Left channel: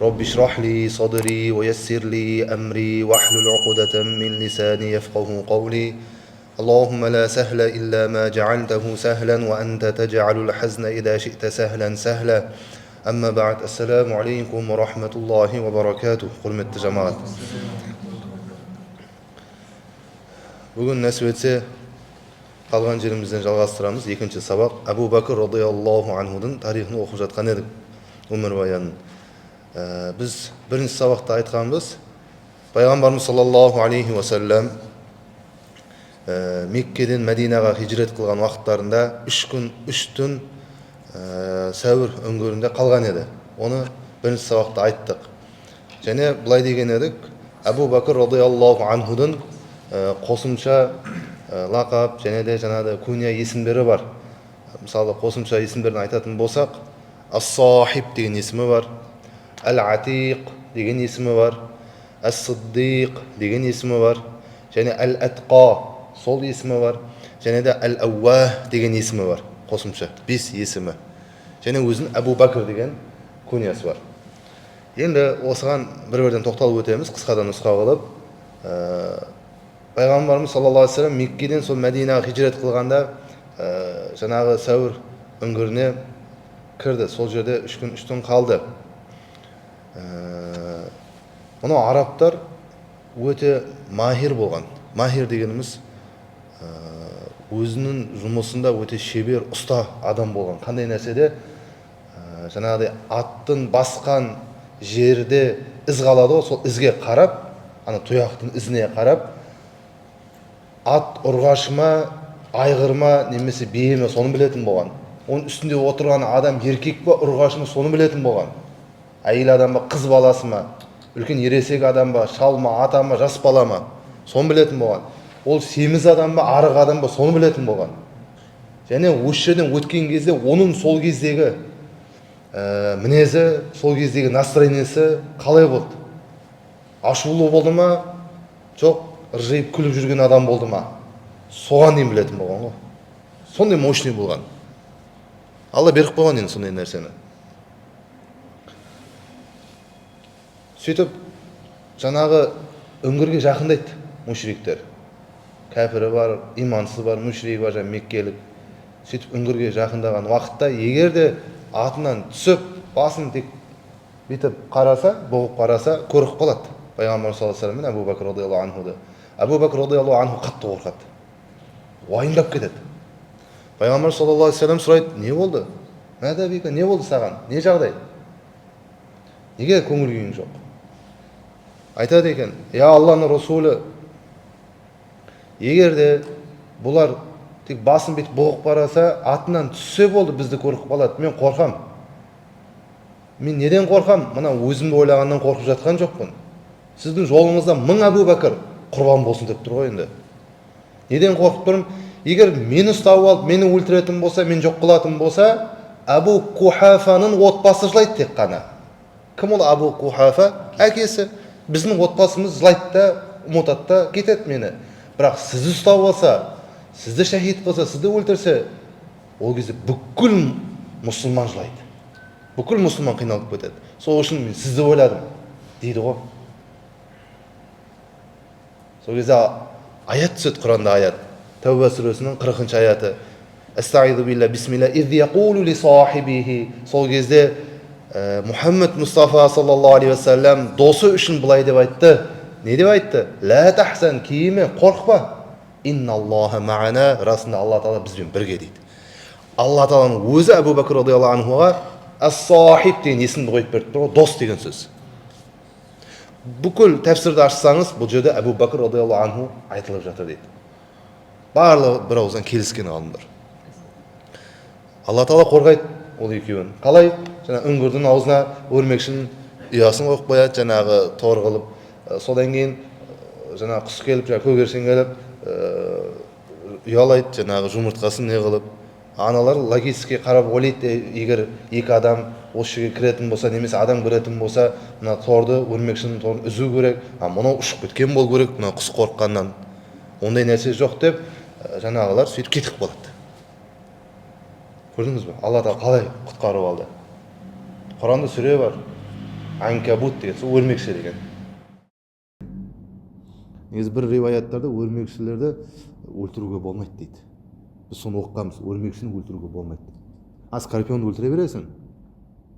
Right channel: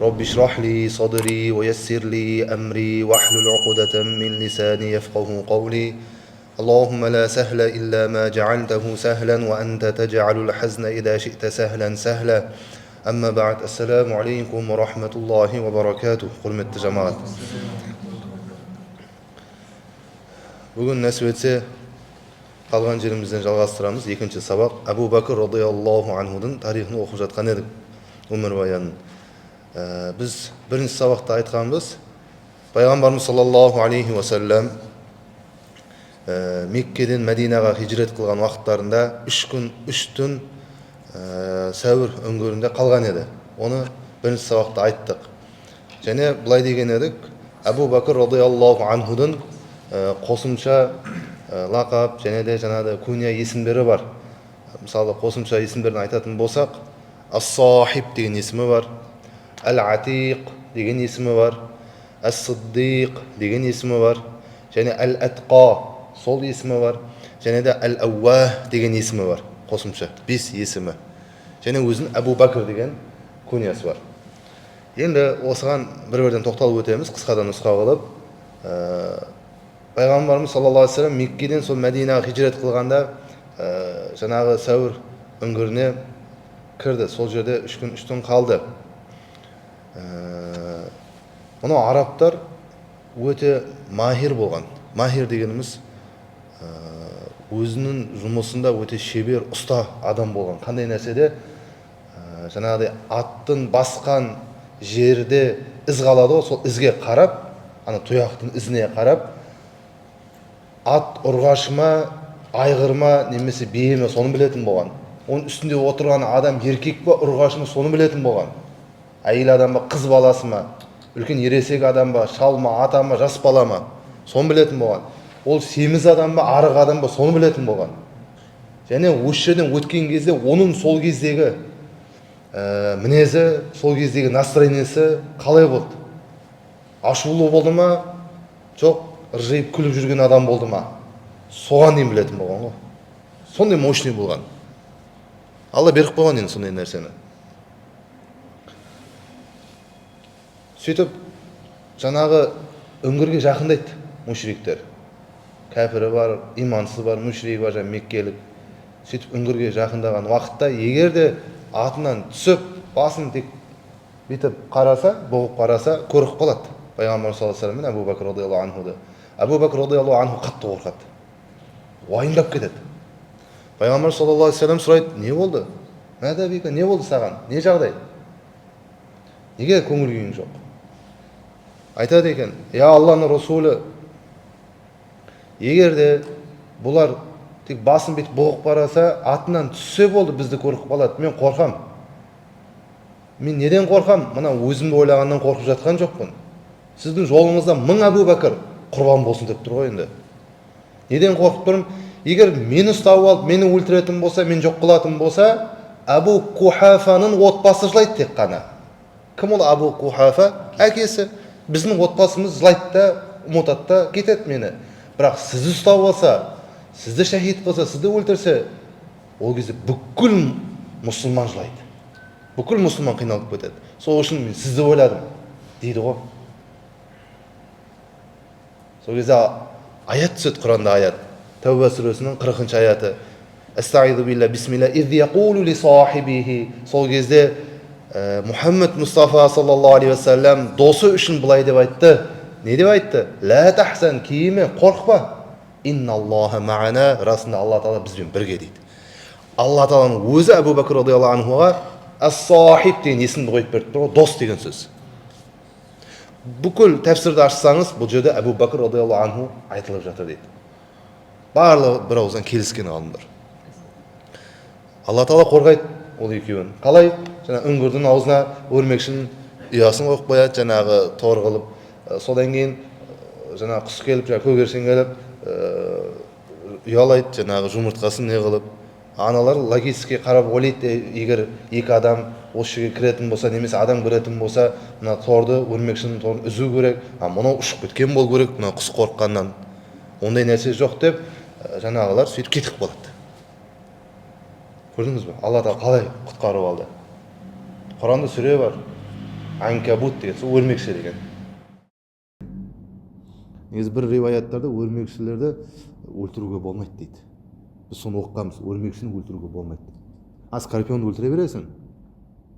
رب اشرح لي صدري ويسر لي أمري واحلل عقدة من لساني يفقه قولي اللهم لا سهل إلا ما جعلته سهلا وأنت تجعل الحزن إذا شئت سهلا سهلا أما بعد السلام عليكم ورحمة الله وبركاته құрметті жамағат. Бүгін нәсіп етсе қалған жерімізден жалғастырамыз. Екінші сабақ Абу Бәкір радиаллаху анхудың тарихын оқып жатқан едік, өмірбаянын. Біз бірінші сабақта айтқанбыз, пайғамбарымыз саллаллаху алейхи уассалам Меккеден Мәдинаға хижрет қылған уақыттарында 3 күн 3 түн сәуір өңгөрінде қалған еді. Оны бірінші сабақта айттық. Және былай деген едік, Абу Бәкір радиаллаху анхудың қосымша лақап және де жаңағы күнә есімдері бар. Мысалы қосымша есімдерін айтатын болсақ, Ас-Сахиб деген есімі бар, Әл-Атиқ деген есімі бар, Әс-Сиддиқ деген есімі бар, және Әл-Атқа сол есімі бар, және де Әл-Ауах деген есімі бар. Қосымша 5 есімі. Және өзінің Абу Бәкір деген күнәсі бар. Енді осыған бір-бірден тоқталып өтеміз, қысқадан нұсқа қылып. Пайғамбарымыз саллаллаху алейхи вассалам Меккеден сол Мәдинаға хижрет қылғанда жаңағы сәуір үңгіріне кірді. Сол жерде 3 күн 3 түн қалды. Мұны арабтар өте махир болған. Махир дегеніміз өзінің жұмысында өте шебер, ұста адам болған. Қандай нәрседе жаңағыдай аттың басқан жерде із қалады ғой, сол ізге қарап, ана тұяқтың ізіне қарап, ат ұрғашыма, айғырма, немесе биеме соны білетін болған. Оның үстінде отырған адам еркек па, ұрғашыма соны білетін болған. Әйел адам ба, қыз баласы ма, үлкен ересек адам ба, шал ма, ата ма, жас бала ма, соны білетін болған. Ол семіз адам ба, арық адам ба, соны білетін болған. Және осы жерден өткен кезде оның сол кездегі мінезі, сол кездегі настроениесі қалай болды? Ашулы болды ма, жоқ ыржиып күліп жүрген адам болды ма? Соған дейін білетін болған ғой. Сондай мощный болған. Алла беріп қойған енді сондай нәрсені. Сөйтіп, жаңағы үңгірге жақындайды мүшриктер. Кәпірі бар, имансыз бар, мүшрик бар, меккелік. Сөйтіп үңгірге жақындаған уақытта, егер де атынан түсіп, басын тек бетіп қараса, бұғып қараса, көріп қалады. Пайғамбар саллаллаху алейхи вассалам Абу Бәкір радиаллаху анхуды. Абу Бәкір радиаллаху анху қатты қорқады. Уайымдап кетеді. Пайғамбар саллаллаху алейхи вассалам сұрайды, не болды? Мәда бика, не болды саған? Не жағдай? Неге көңіл күйің жоқ? Айтады екен, я Алланың Расулы, егер де бұлар тек басын бетіп бұғып қараса, атынан түссе болды, бізді көріп қалады. Мен қорқам. Мен неден қорқам? Мына өзімді ойлағаннан қорқып жатқан жоқпын. Сіздің жолыңызда 1000 Абу Бәкір құрбан болсын деп тұр ғой енді. Неден қорқып тұрмын? Егер мені ұстап алып, мені өлтіретін болса, мен жоқ қылатын болса, Абу Кухафаның отбасы жылайды тек қана. Кім ол Абу Кухафа? Әкесі. Біздің отбасымыз жылайды да, ұмытады да, кетеді мені. Бірақ сізді ұстап алса, сізді шахид қылса, сізді өлтірсе, ол кезде бүкіл мұсылман жылайды. Бүкіл мұсылман қиналып кетеді. Сол үшін мен сізді ойладым, дейді ғой. Сол кезде аят түседі Құранда, аят. Тәуба сүресінің 40-шы аяты. Астағиду билла бисмилла из яқулу ли сахибихи. Сол кезде Мұхаммед Мұстафа саллаллаху алейхи вассалам досы үшін былай деп айтты. Не деп айтты? Ла тахсан, кейіме, қорқпа. Инналлаха ма'ана, расында Алла Таала бізбен бірге дейді. Алла Тааланың өзі Абу Бәкір радиаллаху анхуға ас-сахиб деген есімді қойып берді ғой, дос деген сөз. Бүкіл тәфсірді ашсаңыз, бұл жерде Абу Бәкір радиаллаху анху айтылып жатыр дейді. Барлығы бір ауыздан келіскен ғалымдар. Алла Таала қорғайды ол екеуін. Қалай? Жаңа үңгірдің аузына өрмекшінің ұясын қойып қояды, жаңағы тор қылып. Содан кейін жаңа құс келіп, көгершін келіп, ұялайды, жаңағы жұмыртқасын не қылып. Аналар логистикке қарап ойлайды, егер екі адам осы жерге кіретін болса, немесе адам кіретін болса, мына торды, өрмекшінің торын үзу керек, мынау ұшып кеткен болу керек, мына құс қорыққаннан. Ондай нәрсе жоқ деп, жаңағылар сөйтіп кетіп қалады. Көрдіңіз бе? Алла Тағала қалай құтқарып алды? Құранда сүре бар. анкабут деген сол өрмекші деген. Негізі бір риwаяттарда өрмекшілерді өлтіруге болмайды дейді. Біз соны оқығанбыз, өрмекшіні өлтіруге болмайды. Скорпионды өлтіре бересің.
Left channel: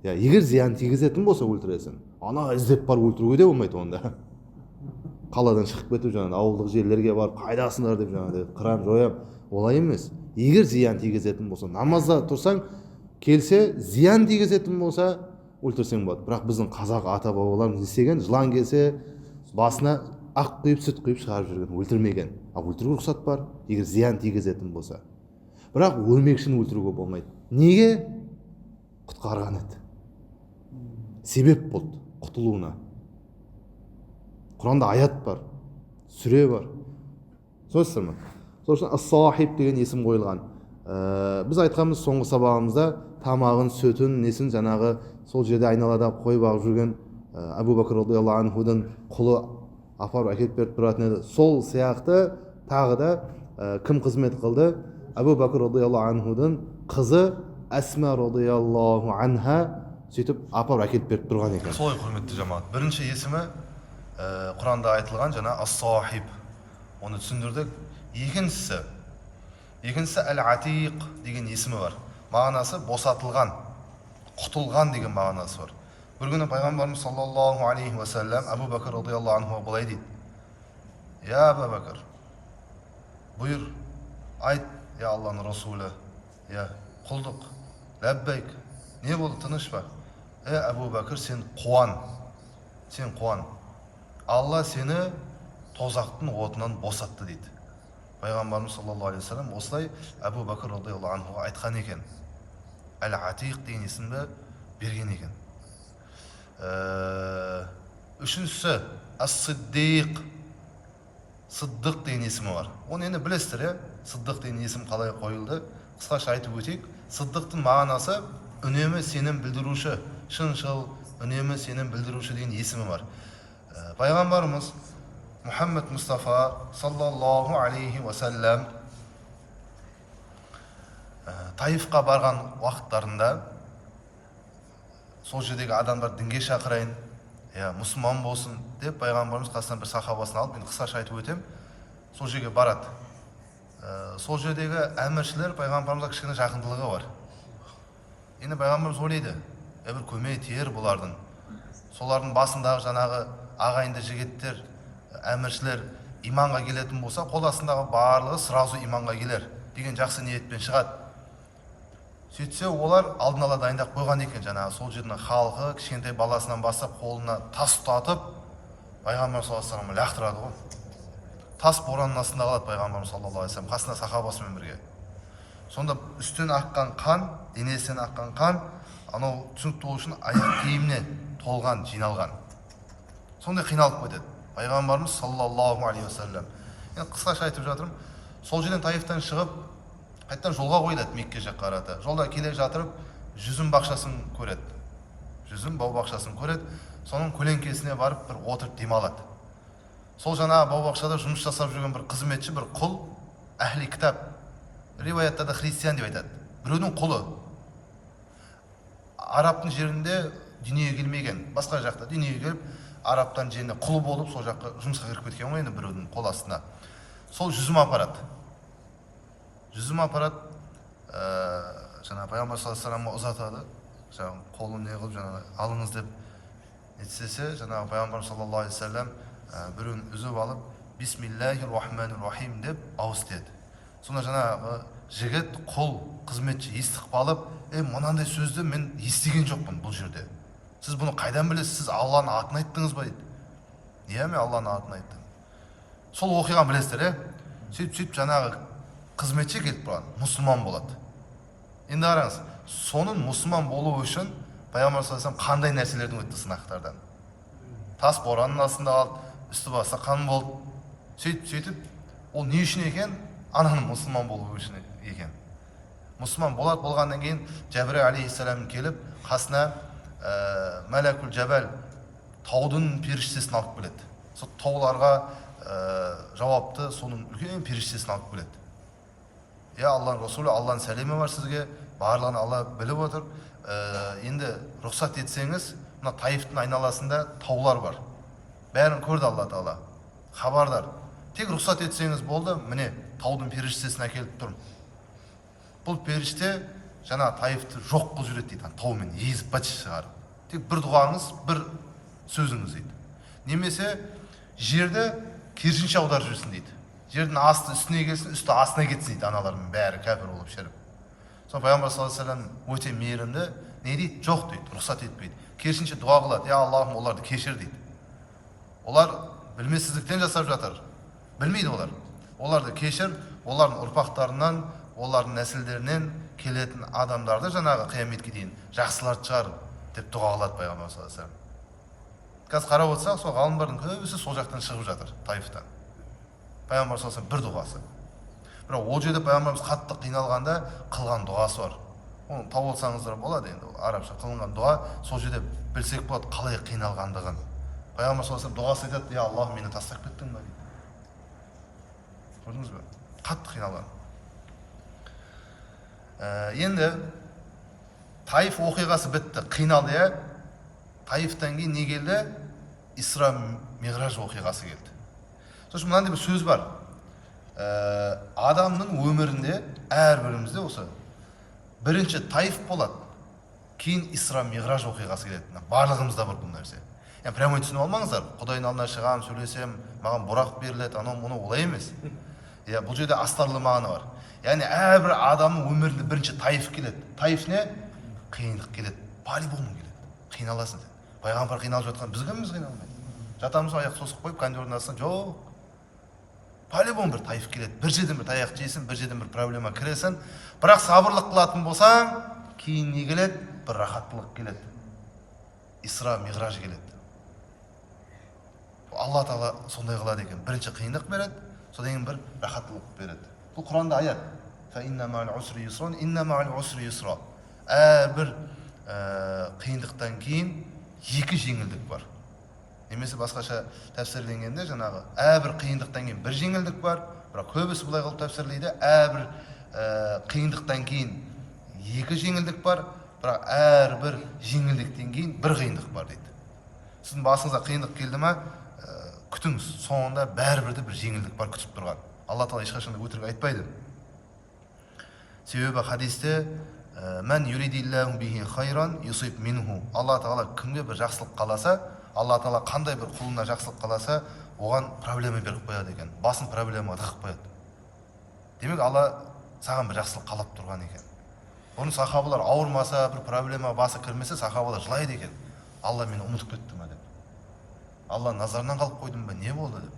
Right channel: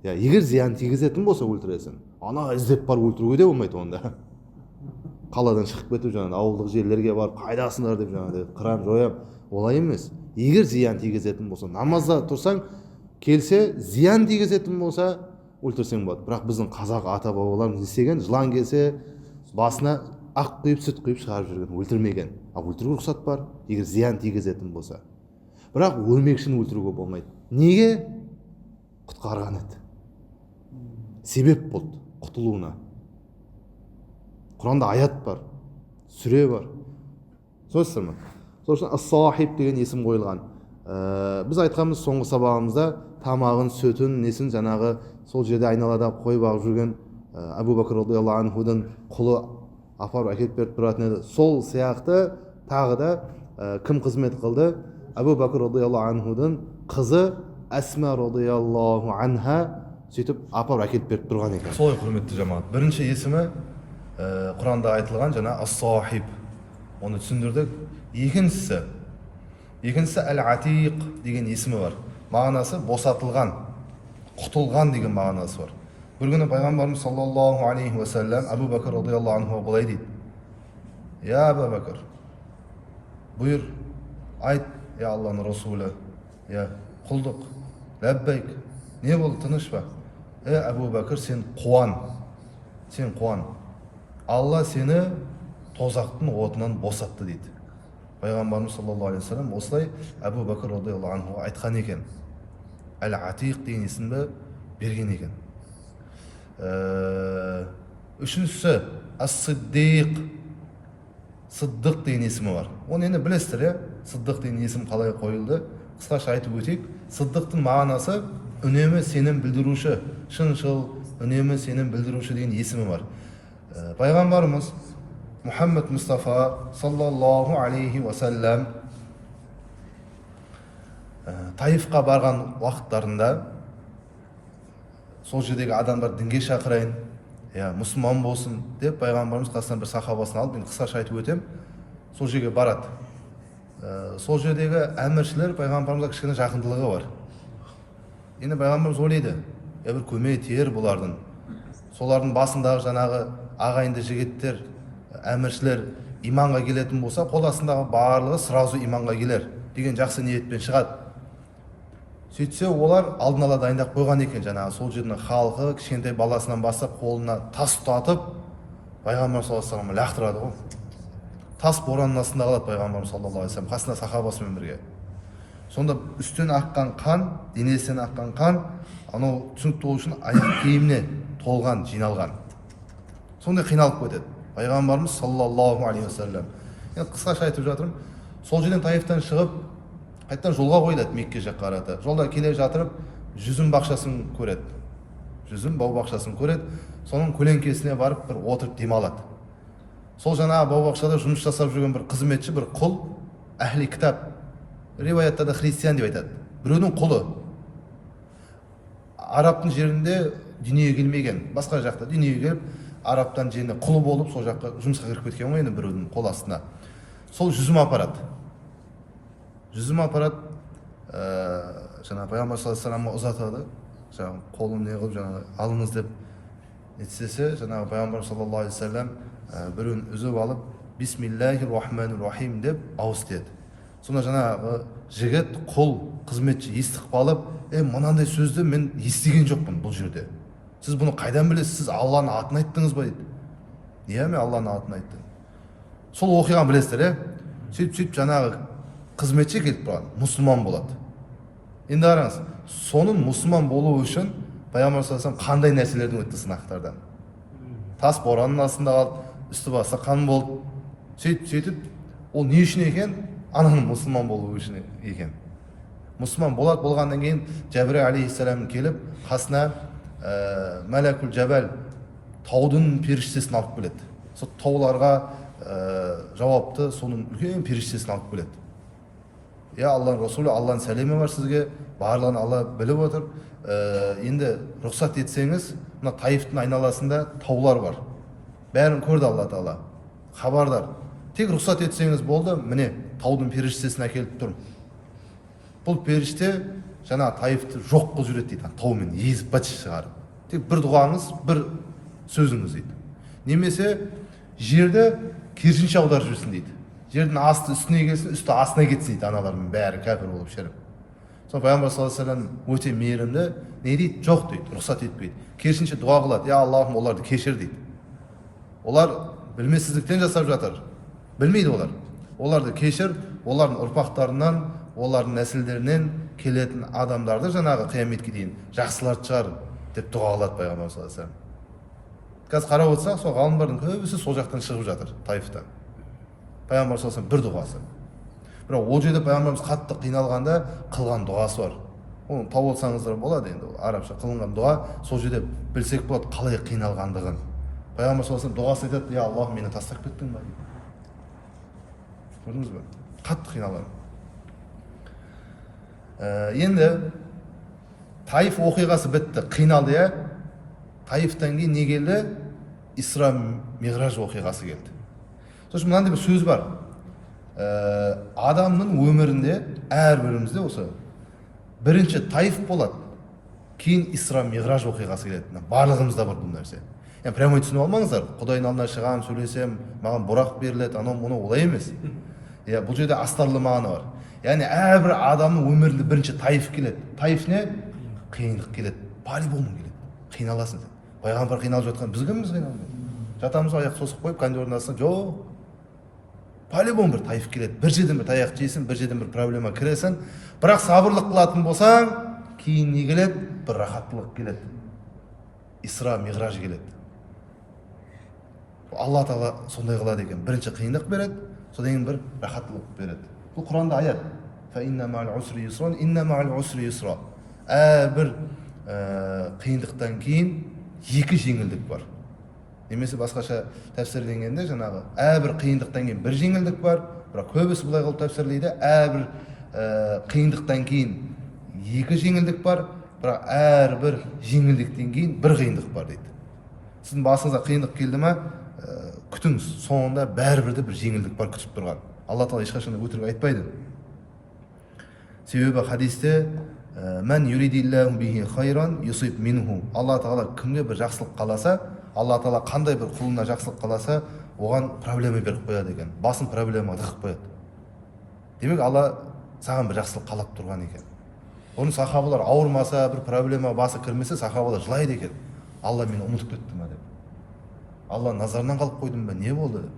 Егер зиян тигізетін болса өлтіресің. Ана іздеп бар өлтіруге де болмайды онда. Қаладан шығып кетіп жаңағы ауылдық жерлерге барып қайдасыңдар деп жаңағы қырам жоям, олай емес. Егер зиян тигізетін болса, намазда тұрсаң, келсе зиян тигізетін болса өлтірсең болады. Бірақ біздің қазақ ата бабаларымыз істеген, жылан келсе басына ақ құйып, сүт құйып шығарып жүрген, өлтірмеген. Ал өлтіруге рұқсат бар, егер зиян тигізетін болса. Бірақ өрмекшіні өлтіруге болмайды. Неге? Құтқарған еді. Себеп болды құтылуына. Құранда аят бар, сүре бар. Сөзсіздер ме? Сол үшін ас-сахиб деген есім қойылған. Біз айтқанбыз соңғы сабағымызда тамағын, сөтін, несін жаңағы сол жерде айналада қой бағып жүрген Абу Бакр радиаллаху анхудың құлы апарып әкеліп беріп тұратын еді. Сол сияқты тағы да кім қызмет қылды? Абу Бакр радиаллаху анхудың қызы Асма радиаллаху анха сөйтіп апарып әкеліп беріп тұрған екен. Солай құрметті жамағат. Бірінші есімі Құранда айтылған жаңа ас-сахиб. Оны түсіндірдік. Екіншісі әл-атиқ деген есімі бар. Мағынасы босатылған, құтылған деген мағынасы бар. Бір күні пайғамбарымыз саллаллаху алейхи ва саллям Абу Бакр радиаллаху анху былай дейді: "Я Абу Бакр, бұйыр, айт, я Алланың расулы, я құлдық, ләббәйк, не болды, тыныш па? Абу Бакр, сен қуан. Алла сені тозақтың отынан босатты" дейді. Пайғамбарымыз саллаллаху алейхи ва саллям осылай Абу Бакр радиаллаху анху айтқан екен. Әл-атиқ деген есімді берген екен. Үшіншісі ас-сиддиқ. Сыддық деген есімі бар. Оны енді білесіздер, Сыддық деген есім қалай қойылды? Қысқаша айтып өтейік. Сыддықтың мағынасы үнемі сенім білдіруші, шыншыл, үнемі сенім білдіруші деген есімі бар. Пайғамбарымыз Мұхаммед Мұстафа саллаллаху алейхи ва саллям Таифқа барған уақыттарында сол жердегі адамдар дінге шақырайын, мұсылман болсын деп пайғамбарымыз қасынан бір сахабасын алып, мен қысқаша айтып өтем, сол жерге барады. Сол жердегі әміршілер пайғамбарымызға кішкене жақындылығы бар. Енді пайғамбарымыз ойлайды, бір көмей тиер бұлардың. Солардың басындағы жаңағы ағайынды жігіттер, әміршілер иманға келетін болса, қол астындағы барлығы сразу иманға келер деген жақсы ниетпен шығады. Сөйтсе олар алдын ала дайындап қойған екен, жаңағы сол жердің халқы кішкентай баласынан бастап қолына тас ұстатып пайғамбар саллаллаху алейхи ва саллям лақтырады ғой. Тас боранның астында қалады пайғамбар саллаллаху алейхи ва саллям қасында сахабасымен бірге. Сонда үстен аққан қан, денесінен аққан қан, анау түсінікті болу үшін аяқ киіміне толған, жиналған. Сондай қиналып кетеді пайғамбарымыз саллаллаху алейхи ва саллям. Енді қысқаша айтып жатырмын. Сол жерден Таифтан шығып қайттан жолға қойылады Мекке жаққа қарата. Жолда келе жатырып жүзім бақшасын көреді. Жүзім бау бақшасын көреді. Соның көлеңкесіне барып бір отырып демалады. Сол жаңағы бау бақшада жұмыс жасап жүрген бір қызметші, бір құл, әхли кітап, риwаяттарда христиан деп айтады. Біреудің құлы. Арабтың жерінде дүниеге келмеген, басқа жақта дүниеге келіп, арабтан жерінде құл болып сол жаққа жұмысқа кіріп кеткен ғой, енді біреудің қол астына. Сол жүзім апарады. Жаңа пайғамбар саллаллаху алейхи ва саллямға ұзатады. Жаңа қолын не қылып жаңа алыңыз деп нетсе, жаңағы пайғамбар саллаллаху алейхи ва саллям біреуін үзіп алып бисмиллахир-рахманир-рахим деп ауыз тиеді. Сонда жаңағы жігіт, құл, қызметші естіп қалып, мынандай сөзді мен естіген жоқпын бұл жерде. Сіз бұны қайдан білесіз? Сіз Алланың атын айттыңыз ба дейді. Мен Алланың атын айттым. Сол оқиғаны білесіздер, сөйтіп жаңағы қызметші келіп тұрған, мұсылман болады. Енді қараңыз, соның мұсылман болу үшін пайғамбар саллаллаху алейхи ва саллям қандай нәрселердің өтті сынақтардан. Тас боранның астында қалды, үсті басы қан болды. Сөйтіп, ол не үшін екен? Ананың мұсылман болу үшін екен. Мұсылман болғаннан кейін Жәбір алейхиссалам келіп, қасына Мәләкул Жәбәл таудың періштесін алып келеді. Сол тауларға жауапты соның үлкен періштесін алып келеді. Алланың Расулы, Алланың сәлемі бар сізге, барлығын Алла біліп отыр. енді рұқсат етсеңіз, мына Таифтың айналасында таулар бар. Бәрін көрді Алла Тағала. Хабардар. Тек рұқсат етсеңіз болды, міне таудың періштесін әкеліп тұрмын. Бұл періште жаңа Таифты жоқ қылып жүреді дейді, таумен езіп бытшы шығарып. Тек бір дұғаңыз, бір сөзіңіз дейді. Немесе жерді керісінше аударып жүрсін дейді. Жердің асты үстіне келсін, үсті астына кетсін дейді, аналармен бәрі кәпір болып шіріп. Сол пайғамбар саллаллаху алейхи вассалам өте мейірімді, не дейді? Жоқ дейді, рұқсат етпейді. Керісінше дұға қылады, я Аллахым, оларды кешір дейді. Олар білмесіздіктен жасап жатыр. Білмейді олар. Оларды кешір, олардың ұрпақтарынан, олардың нәсілдерінен келетін адамдарды жаңағы қияметке дейін жақсыларды шығар деп дұға қылады пайғамбар саллаллаху алейхи вассалам. Қазір қарап отырсақ, сол ғалымдардың көбісі сол жақтан шығып жатыр, Таифтан. Пайғамбар саллаллаху алейхи вассалам бір дұғасы. Бірақ ол жерде пайғамбарымыз қатты қиналғанда қылған дұғасы бар. Оны тауып алсаңыздар болады, енді арабша қылынған дұға, сол жерде білсек болады қалай қиналғандығын. Пайғамбар саллаллаху алейхи вассалам дұғасы айтады, я Аллах, мені тастап кеттің ба дейді. Көрдіңіз бе? Қатты қиналған. Енді Таиф оқиғасы бітті, қиналды, я. Таифтан кейін не келді? Исра Миғраж оқиғасы келді. Сосын мынандай бір сөз бар. Адамның өмірінде, әрбірімізде осы бірінші Таиф болады, кейін Исра Миғраж оқиғасы келеді. Барлығымызда бар бұл нәрсе. Yani прямо түсініп алмаңыздар. Құдайдың алдына шығамын, сөйлесем, маған бұрақ беріледі, анау мұны олай емес. Бұл жерде астарлы мағына бар. Яғни әрбір адамның өмірінде бірінші Таиф келеді. Таиф не? Қиындық келеді. По-любому келеді. Қиналасың сен. Пайғамбар қиналып жатқан, біз кімбіз қиналмайды? Жатамыз аяқ сосып қойып, кондердің астына, жоқ. По-любому бір Таиф келеді. Бір жерден бір таяқ жейсің, бір жерден бір проблема кіресің. Бірақ сабырлық қылатын болсаң, кейін не келеді? Бір рахаттылық келеді. Исра Миғраж келеді. Алла Тағала сондай қылады екен. Бірінші қиындық береді, содан кейін бір рахаттылық береді. Бұл Құранда аят. Әрбір қиындықтан кейін екі жеңілдік бар. Немесе басқаша тәпсірленгенде жаңағы әрбір қиындықтан кейін бір жеңілдік бар, бірақ көбісі бұлай қылып тәпсірлейді. Әрбір қиындықтан кейін екі жеңілдік бар, бірақ әрбір жеңілдіктен кейін бір қиындық бар дейді. Сіздің басыңызға қиындық келді ме, күтіңіз, соңында бәрібір де бір жеңілдік бар күтіп тұрған. Алла Тағала ешқашанда өтірік айтпайды. Себебі хадисте мән юридиллаху бихи хайран юсиб минху. Алла Тағала кімге бір жақсылық қаласа, Алла Тағала қандай бір құлына жақсылық қаласа, оған проблема беріп қояды екен. Басын проблемаға тығып қояды. Демек Алла саған бір жақсылық қалап тұрған екен. Оны сахабалар ауырмаса, бір проблема басы кірмесе, сахабалар жылайды екен. Алла мені ұмытып кетті ме деп. Алла назарынан қалып қойдым ба, не болды деп.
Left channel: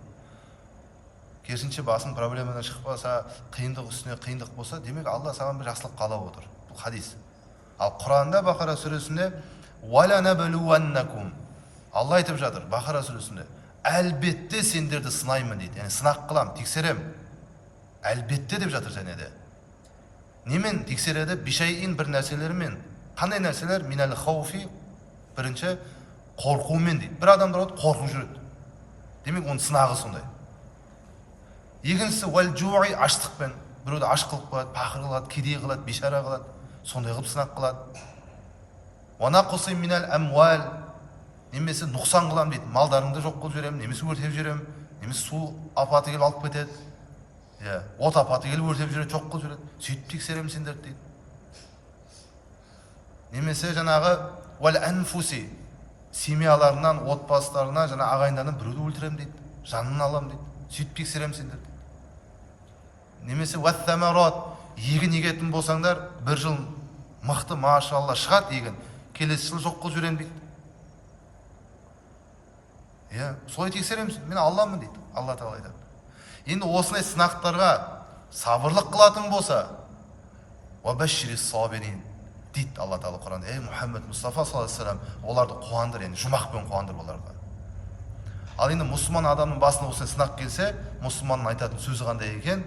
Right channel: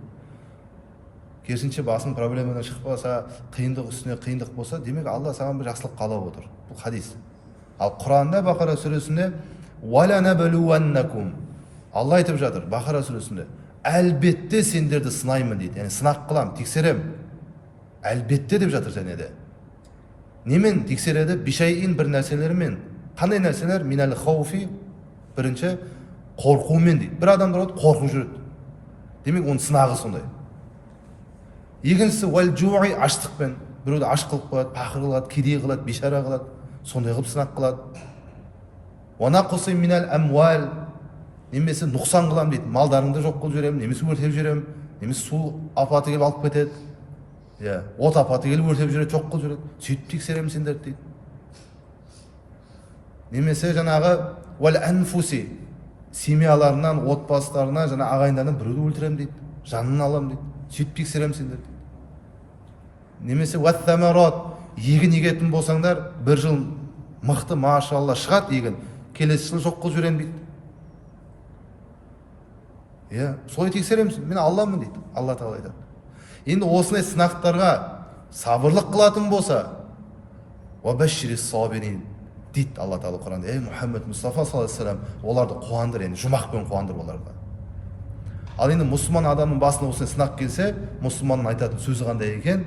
Керісінше басын проблемадан шықпаса, қиындық үстіне қиындық болса, демек Алла саған бір жақсылық қалап отыр. Бұл хадис. Ал Құранда Бақара сүресінде Алла айтып жатыр Бақара сүресінде, әлбетте сендерді сынаймын дейді. Яғни сынақ қылам, тексерем. Әлбетте деп жатыр және де. Немен тексереді? Бишайин бір нәрселермен. Қандай нәрселер? Минал хауфи, бірінші қорқумен дейді. Бір адамдар қорқып жүреді. Демек оның сынағы сондай. Екіншісі уәл жуи, аштықпен. Біреуді аш қылып қояды, пақыр қылады, кедей қылады, бишара қылады. Сондай қылып сынақ қылады. Уанақуси минал амуал, немесе нұқсан қылам дейді. Малдарыңды жоқ қылып жүремін, немесе өртеп жүремін, немесе су апаты келіп алып кетеді. От апаты келіп өртеп жүреді, жоқ қылып жүреді. Сөйтіп тексеремін сендерді дейді. Немесе жаңағы уәл анфуси, семьяларынан, отбасыларына, жаңа ағайындарынан біреуді өлтіремін дейді. Жанын алам дейді. Сөйтіп тексеремін сендерді дейді. Немесе уәттамарат, егін егетін болсаңдар, бір жыл мықты машалла шығады егін, келесі жыл жоқ қылып жүремін дейді. Солай тексереміз, мен Алламын дейді. Алла Тағала айтады. Енді осындай сынақтарға сабырлық қылатын болса, уабаширис сабирин дейді Алла Тағала Құранда. Мұхаммед Мұстафа саллаллаху алейхи вассалам, оларды қуандыр, яғни жұмақпен қуандыр оларға. Ал енді мұсылман адамның басына осындай сынақ келсе, мұсылманның айтатын сөзі қандай екен?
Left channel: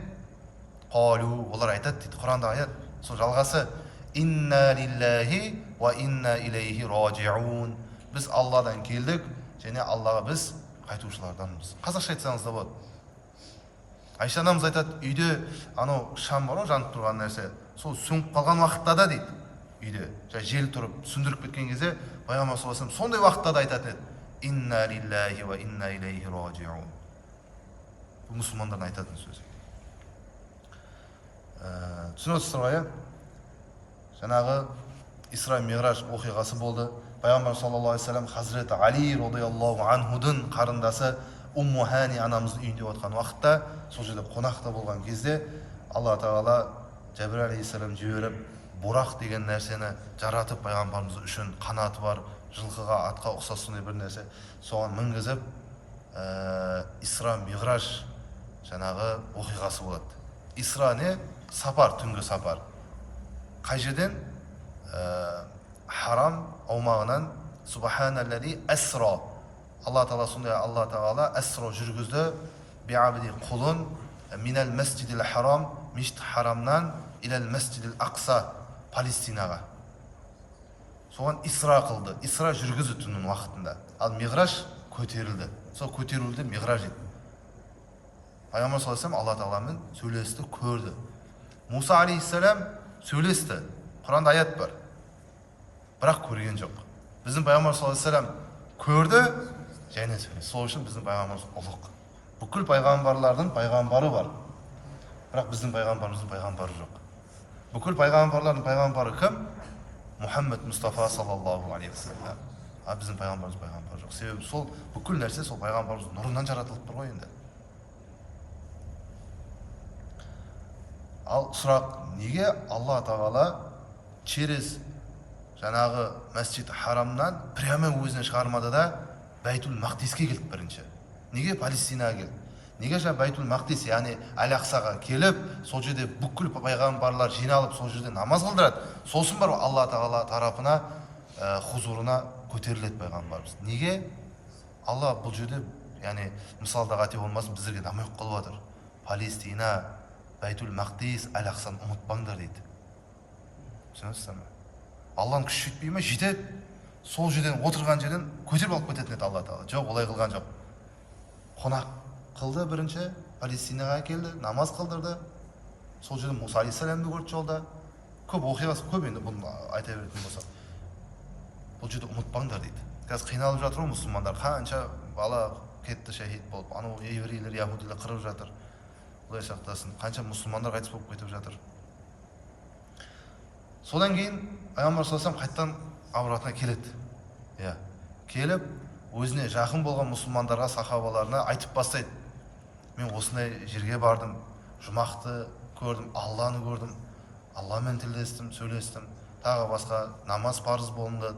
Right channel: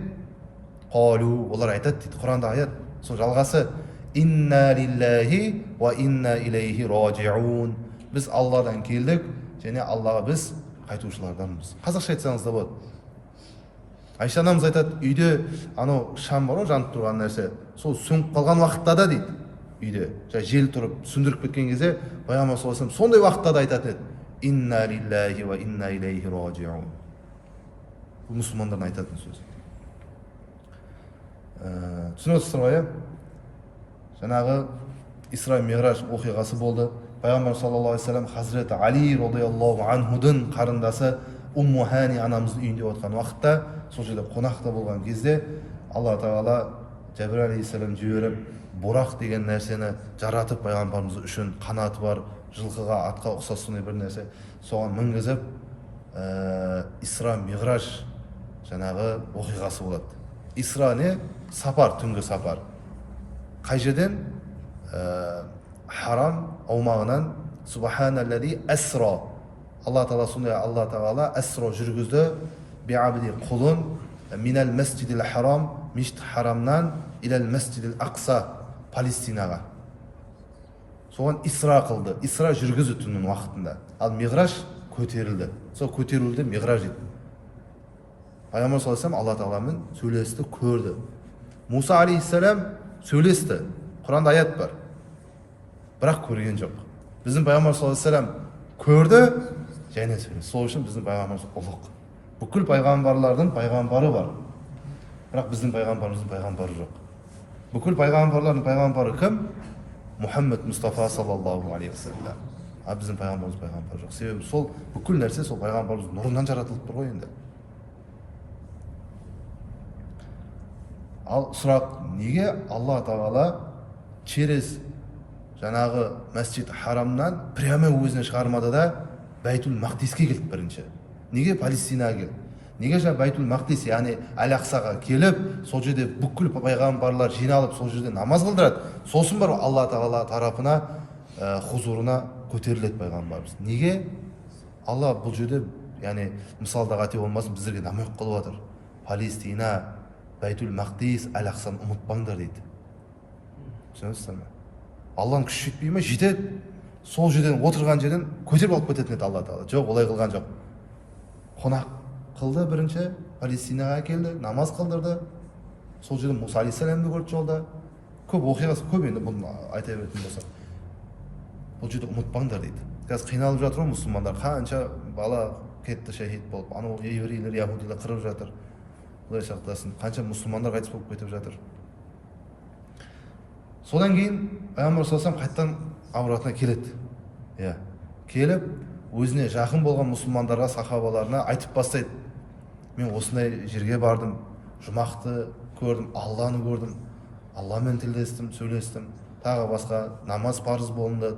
Қалу, олар айтады дейді. Құранда аят, сол жалғасы, инна лиллахи ва инна илейхи ражиун. Біз Алладан келдік, және Аллаға біз қайтушыларданбыз. Қазақша айтсаңыз да болады. Айша анамыз айтады, үйде анау шам бар ғой, жанып тұрған нәрсе, сол сөніп қалған уақытта да дейді, үйде жел тұрып сөндіріп кеткен кезде пайғамбар саллаллаху алейхи вассалам сондай уақытта да айтатын еді: инна лиллахи ва инна илейхи ражиун. Бұл мұсылмандардың айтатын сөзі. Түсініп отырсыздар ғой, жаңағы Исра Миғраж оқиғасы болды. Пайғамбар саллаллаху алейхи вассалам Хазіреті Али радиаллаху анхудың қарындасы Умму Хани анамыздың үйінде отқан уақытта, сол жерде қонақта болған кезде, Алла тағала Жәбір алейхиссалам жіберіп, бұрақ деген нәрсені жаратып пайғамбарымыз үшін, қанаты бар, жылқыға, атқа ұқсас сондай бір нәрсе, соған мінгізіп, Исра Миғраж жаңағы оқиғасы болады. Исра не? Сапар, түнгі сапар. Қай жерден? Харам аумағынан Субханаллази асра. Алла тағала сондай, Алла тағала асра жүргізді биабди құлын минал масжидил харам, мешіт харамнан илал масжидил ақса, Палестинаға. Соған Исра қылды. Исра жүргізді түннің уақытында. Ал Миғраж көтерілді. Сол көтерілді Миғраж еді. Пайғамбар саллаллаху алейхи вассалам Алла тағаламен сөйлесті, көрді. Муса алейхиссалам сөйлесті. Құранда аят бар. Бірақ көрген жоқ. Біздің пайғамбар саллаллаху алейхи вассалам көрді, және сөйлесті. Сол үшін біздің пайғамбарымыз ұлық. Бүкіл пайғамбарлардың пайғамбары бар. Бірақ біздің пайғамбарымыздың пайғамбары жоқ. Бүкіл пайғамбарлардың пайғамбары кім? Мұхаммед Мұстафа саллаллаху алейхи вассалам. А біздің пайғамбарымыз пайғамбар жоқ. Себебі сол бүкіл нәрсе сол пайғамбарымыз нұрынан жаратылып тұр ғой енді. Ал сұрақ, неге Алла тағала через жаңағы Масжид Харамнан прямо өзіне шығармады да Байтул Мақдиске келді бірінші? Неге Палестинаға келді? Неге жаңа Байтул Мақдис, яғни Әл-Ақсаға келіп, сол жерде бүкіл пайғамбарлар жиналып, сол жерде намаз қылдырады? Сосын бар Алла тағала тарапына, хузурына көтеріледі пайғамбарымыз. Неге? Алла бұл жерде, яғни мысалда қате болмасын, біздерге намек қылып отыр. Палестина, Байтул Мақдис, Әл-Ақсаны ұмытпаңдар дейді. Түсінесіздер ме? Алланың күші жетпей ме? Жетеді. Сол жерден, отырған жерден көтеріп алып кететін еді Алла тағала. Жоқ, олай қылған жоқ. Қонақ қылды бірінші, Палестинаға келді, намаз қылдырды. Сол жерде Муса алейхиссаламды көрді жолда. Көп оқиғасы көп, енді бұны айта беретін болсақ. Бұл жерде ұмытпаңдар дейді. Қазір қиналып жатыр ғой мұсылмандар. Қанша бала кетті шахид болып, анау еврейлер, яһудилер қырып жатыр. Құдай сақтасын. Қанша мұсылмандар қайтыс болып кетіп жатыр. Содан кейін пайғамбар саллаллаху алейхи вассалам қайтадан ауратына келеді. Келіп, өзіне жақын болған мұсылмандарға, сахабаларына айтып бастайды: мен осындай жерге бардым, жұмақты көрдім, Алланы көрдім, Алламен тілдестім, сөйлестім, тағы басқа намаз парыз болынды,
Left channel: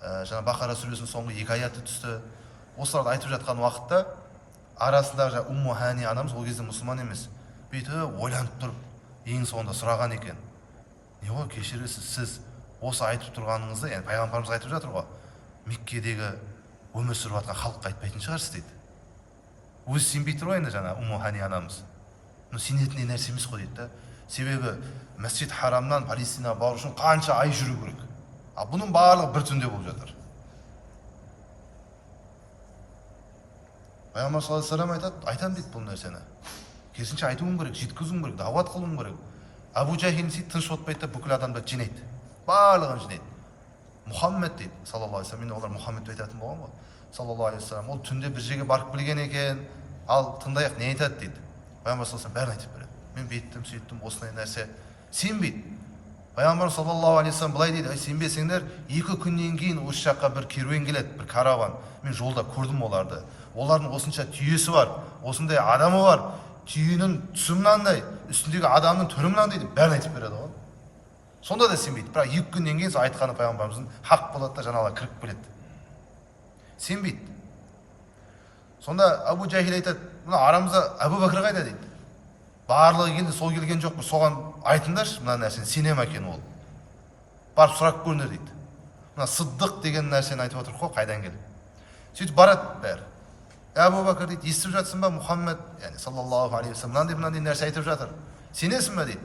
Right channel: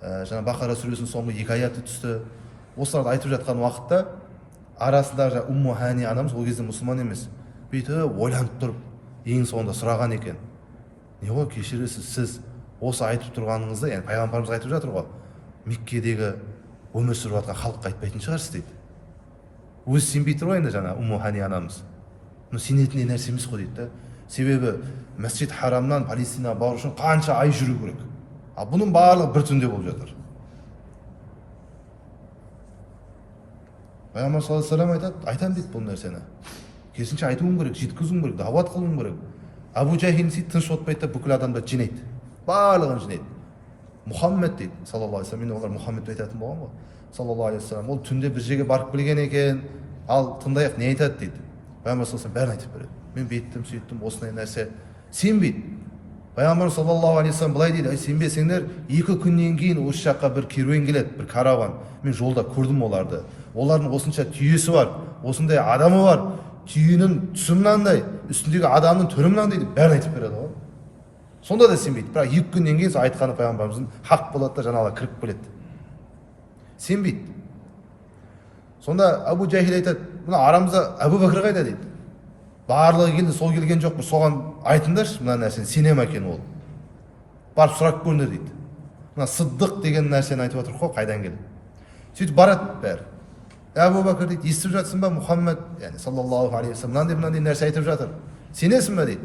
жаңа Бақара сүресінің соңғы 2 аяты түсті. Осыларды айтып жатқан уақытта арасында Умму Хани анамыз, ол кезде мұсылман емес, бүйтіп ойланып тұрып, ең соңында сұраған екен: не ғой, кешіресіз, сіз осы айтып тұрғаныңызды, яғни пайғамбарымыз айтып жатыр ғой, Меккедегі өмір сүріп жатқан халыққа айтпайтын шығарсыз дейді. Өзі сенбей тұр ғой енді жаңа Умму Хани анамыз. Сенетіндей нәрсе емес қой дейді. Себебі Масжид Харамнан Палестинаға бару үшін қанша ай жүру керек. Ал бұның барлығы бір түнде болып жатыр. Пайғамбар саллаллаху алейхи вассалам айтады: айтам дейді бұл нәрсені. Керісінше айтуым керек, жеткізуім керек, дағуат қылуым керек. Абу Жахил сөйтіп тыныш отпайды да бүкіл адамды жинайды. Барлығын жинайды. Мұхаммед дейді, саллаллаху алейхи вассалам. Мен олар Мұхаммед айтатын болған ғой. Саллаллаху алейхи вассалам. Ол түнде бір жерге барып білген екен. Ал тыңдайық, не айтады дейді. Пайғамбар саллаллаху алейхи вассалам бәрін айтып береді. Мен бейттім, сөйттім, осындай нәрсе. Сенбейді. Пайғамбар саллаллаху алейхи вассалам былай дейді: сенбесеңдер, 2 күннен кейін осы жаққа бір керуен келеді, бір караван. Мен жолда көрдім оларды. Олардың осынша түйесі бар, осындай адамы бар. Түйенің түсі мынандай, үстіндегі адамның түрі мынандай дейді. Бәрін айтып береді ғой. Сонда да сенбейді. Бірақ 2 күннен кейін айтқаны пайғамбарымыздың хақ болады да жаңағылар кіріп келеді. Сенбейді. Сонда Абу Жахил айтады: мына арамызда Абу Бәкір қайда дейді. Барлығы келді, сол келген жоқ, соған айтыңдаршы мына нәрсені, сенем екен ол. Барып сұрап көріңдер дейді. Мына Сыддық деген нәрсені айтып отыр ғой, қайдан келіп. Сөйтіп барады бәрі. Абу Бәкір дейді: естіп жатсың ба, Мұхаммед, яғни саллаллаху алейхи вассалам, мынандай нәрсе айтып жатыр. Сенесің ба дейді.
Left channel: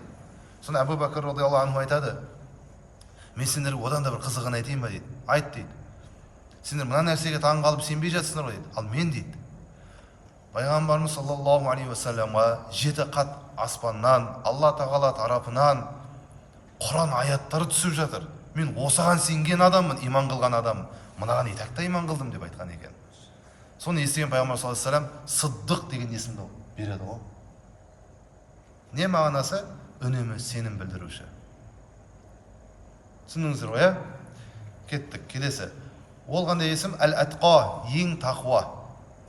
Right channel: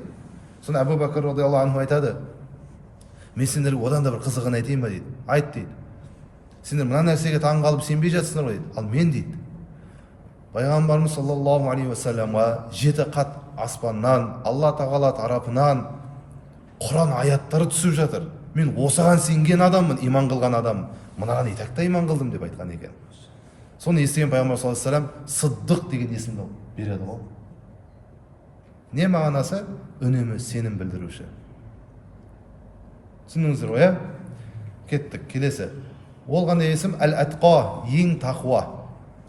Сонда Абу Бәкір радиаллаху анху айтады: мен сендерге одан да бір қызығын айтайын ба дейді. Айт дейді. Сендер мына нәрсеге таң қалып сенбей жатсыңдар ғой дейді. Ал мен дейді, пайғамбарымыз саллаллаху алейхи вассаламға 7 қат аспаннан, Алла тағала тарапынан Құран аяттары түсіп жатыр. мен осыған сенген адаммын, иман қылған адаммын, мынаған итақта иман қылдым деп айтқан екен. Соны естіген пайғамбар саллаллаху алейхи вассалам сыддық деген есімді береді ғой. Не мағынасы? Үнемі сенім білдіруші. Түсіндіңіздер ғой, иә? Кеттік, келесі. Ол қандай есім? Әл-Атқа, ең тақуа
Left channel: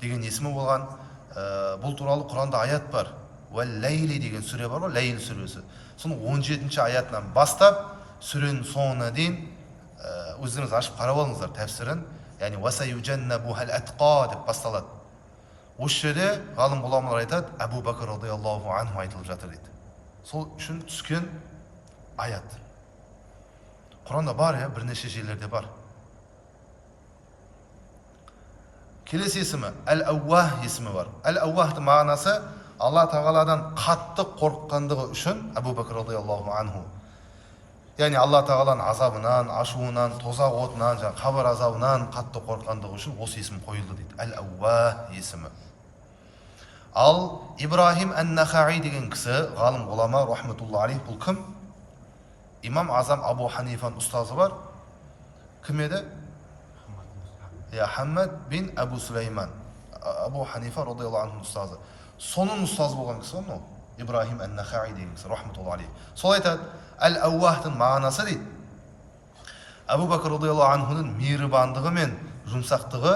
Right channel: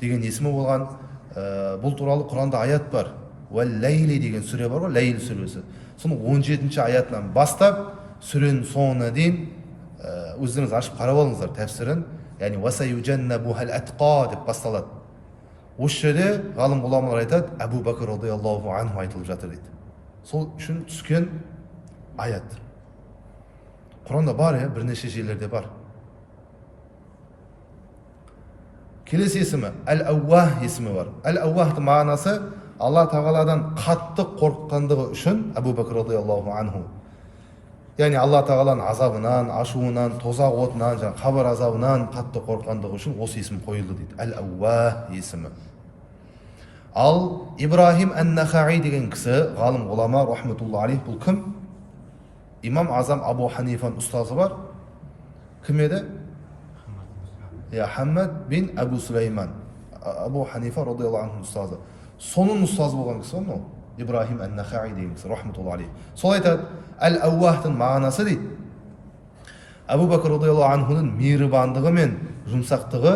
деген есімі болған. Бұл туралы Құранда аят бар. Уәл-Ләйли деген сүре бар ғой, Ләйл сүресі. Соның 17-ші аятынан бастап сүренің соңына дейін өздеріңіз ашып қарап алыңыздар тәпсірін. Яғни «Васайюджаннабухал атқа» деп басталады. Осы жерде ғалым ғұламалар айтады, Әбу Бәкір радиаллаху анху айтылып жатыр дейді. Сол үшін түскен аят. Құранда бар, бірнеше жерлерде бар. Келесі есімі Әл-Ауах есімі бар. Әл-Ауахтың мағынасы Алла тағаладан қатты қорыққандығы үшін Әбу Бәкір радиаллаху анху. Яғни Алла тағаланың азабынан, ашуынан, тозақ отынан, қабір азабынан қатты қорыққандығы үшін осы есім қойылды дейді. Әл-Ауах есімі. Ал Ибрахим ән-Нахаи деген кісі, ғалым ғұлама рахметулла алейх, бұл кім? Имам Азам Абу Ханифаның ұстазы бар. Кім еді? Хаммад бин Абу Сулейман. Абу Ханифа радиаллаху анху ұстазы. Соның ұстазы болған кісі ғой, Ибрахим ән-Нахаи деген кісі рахметулла алейх. Сол айтады, Әл-Ауахтың мағынасы дейді. Әбу Бәкір радиаллаху анхудың мейірбандығы мен жұмсақтығы,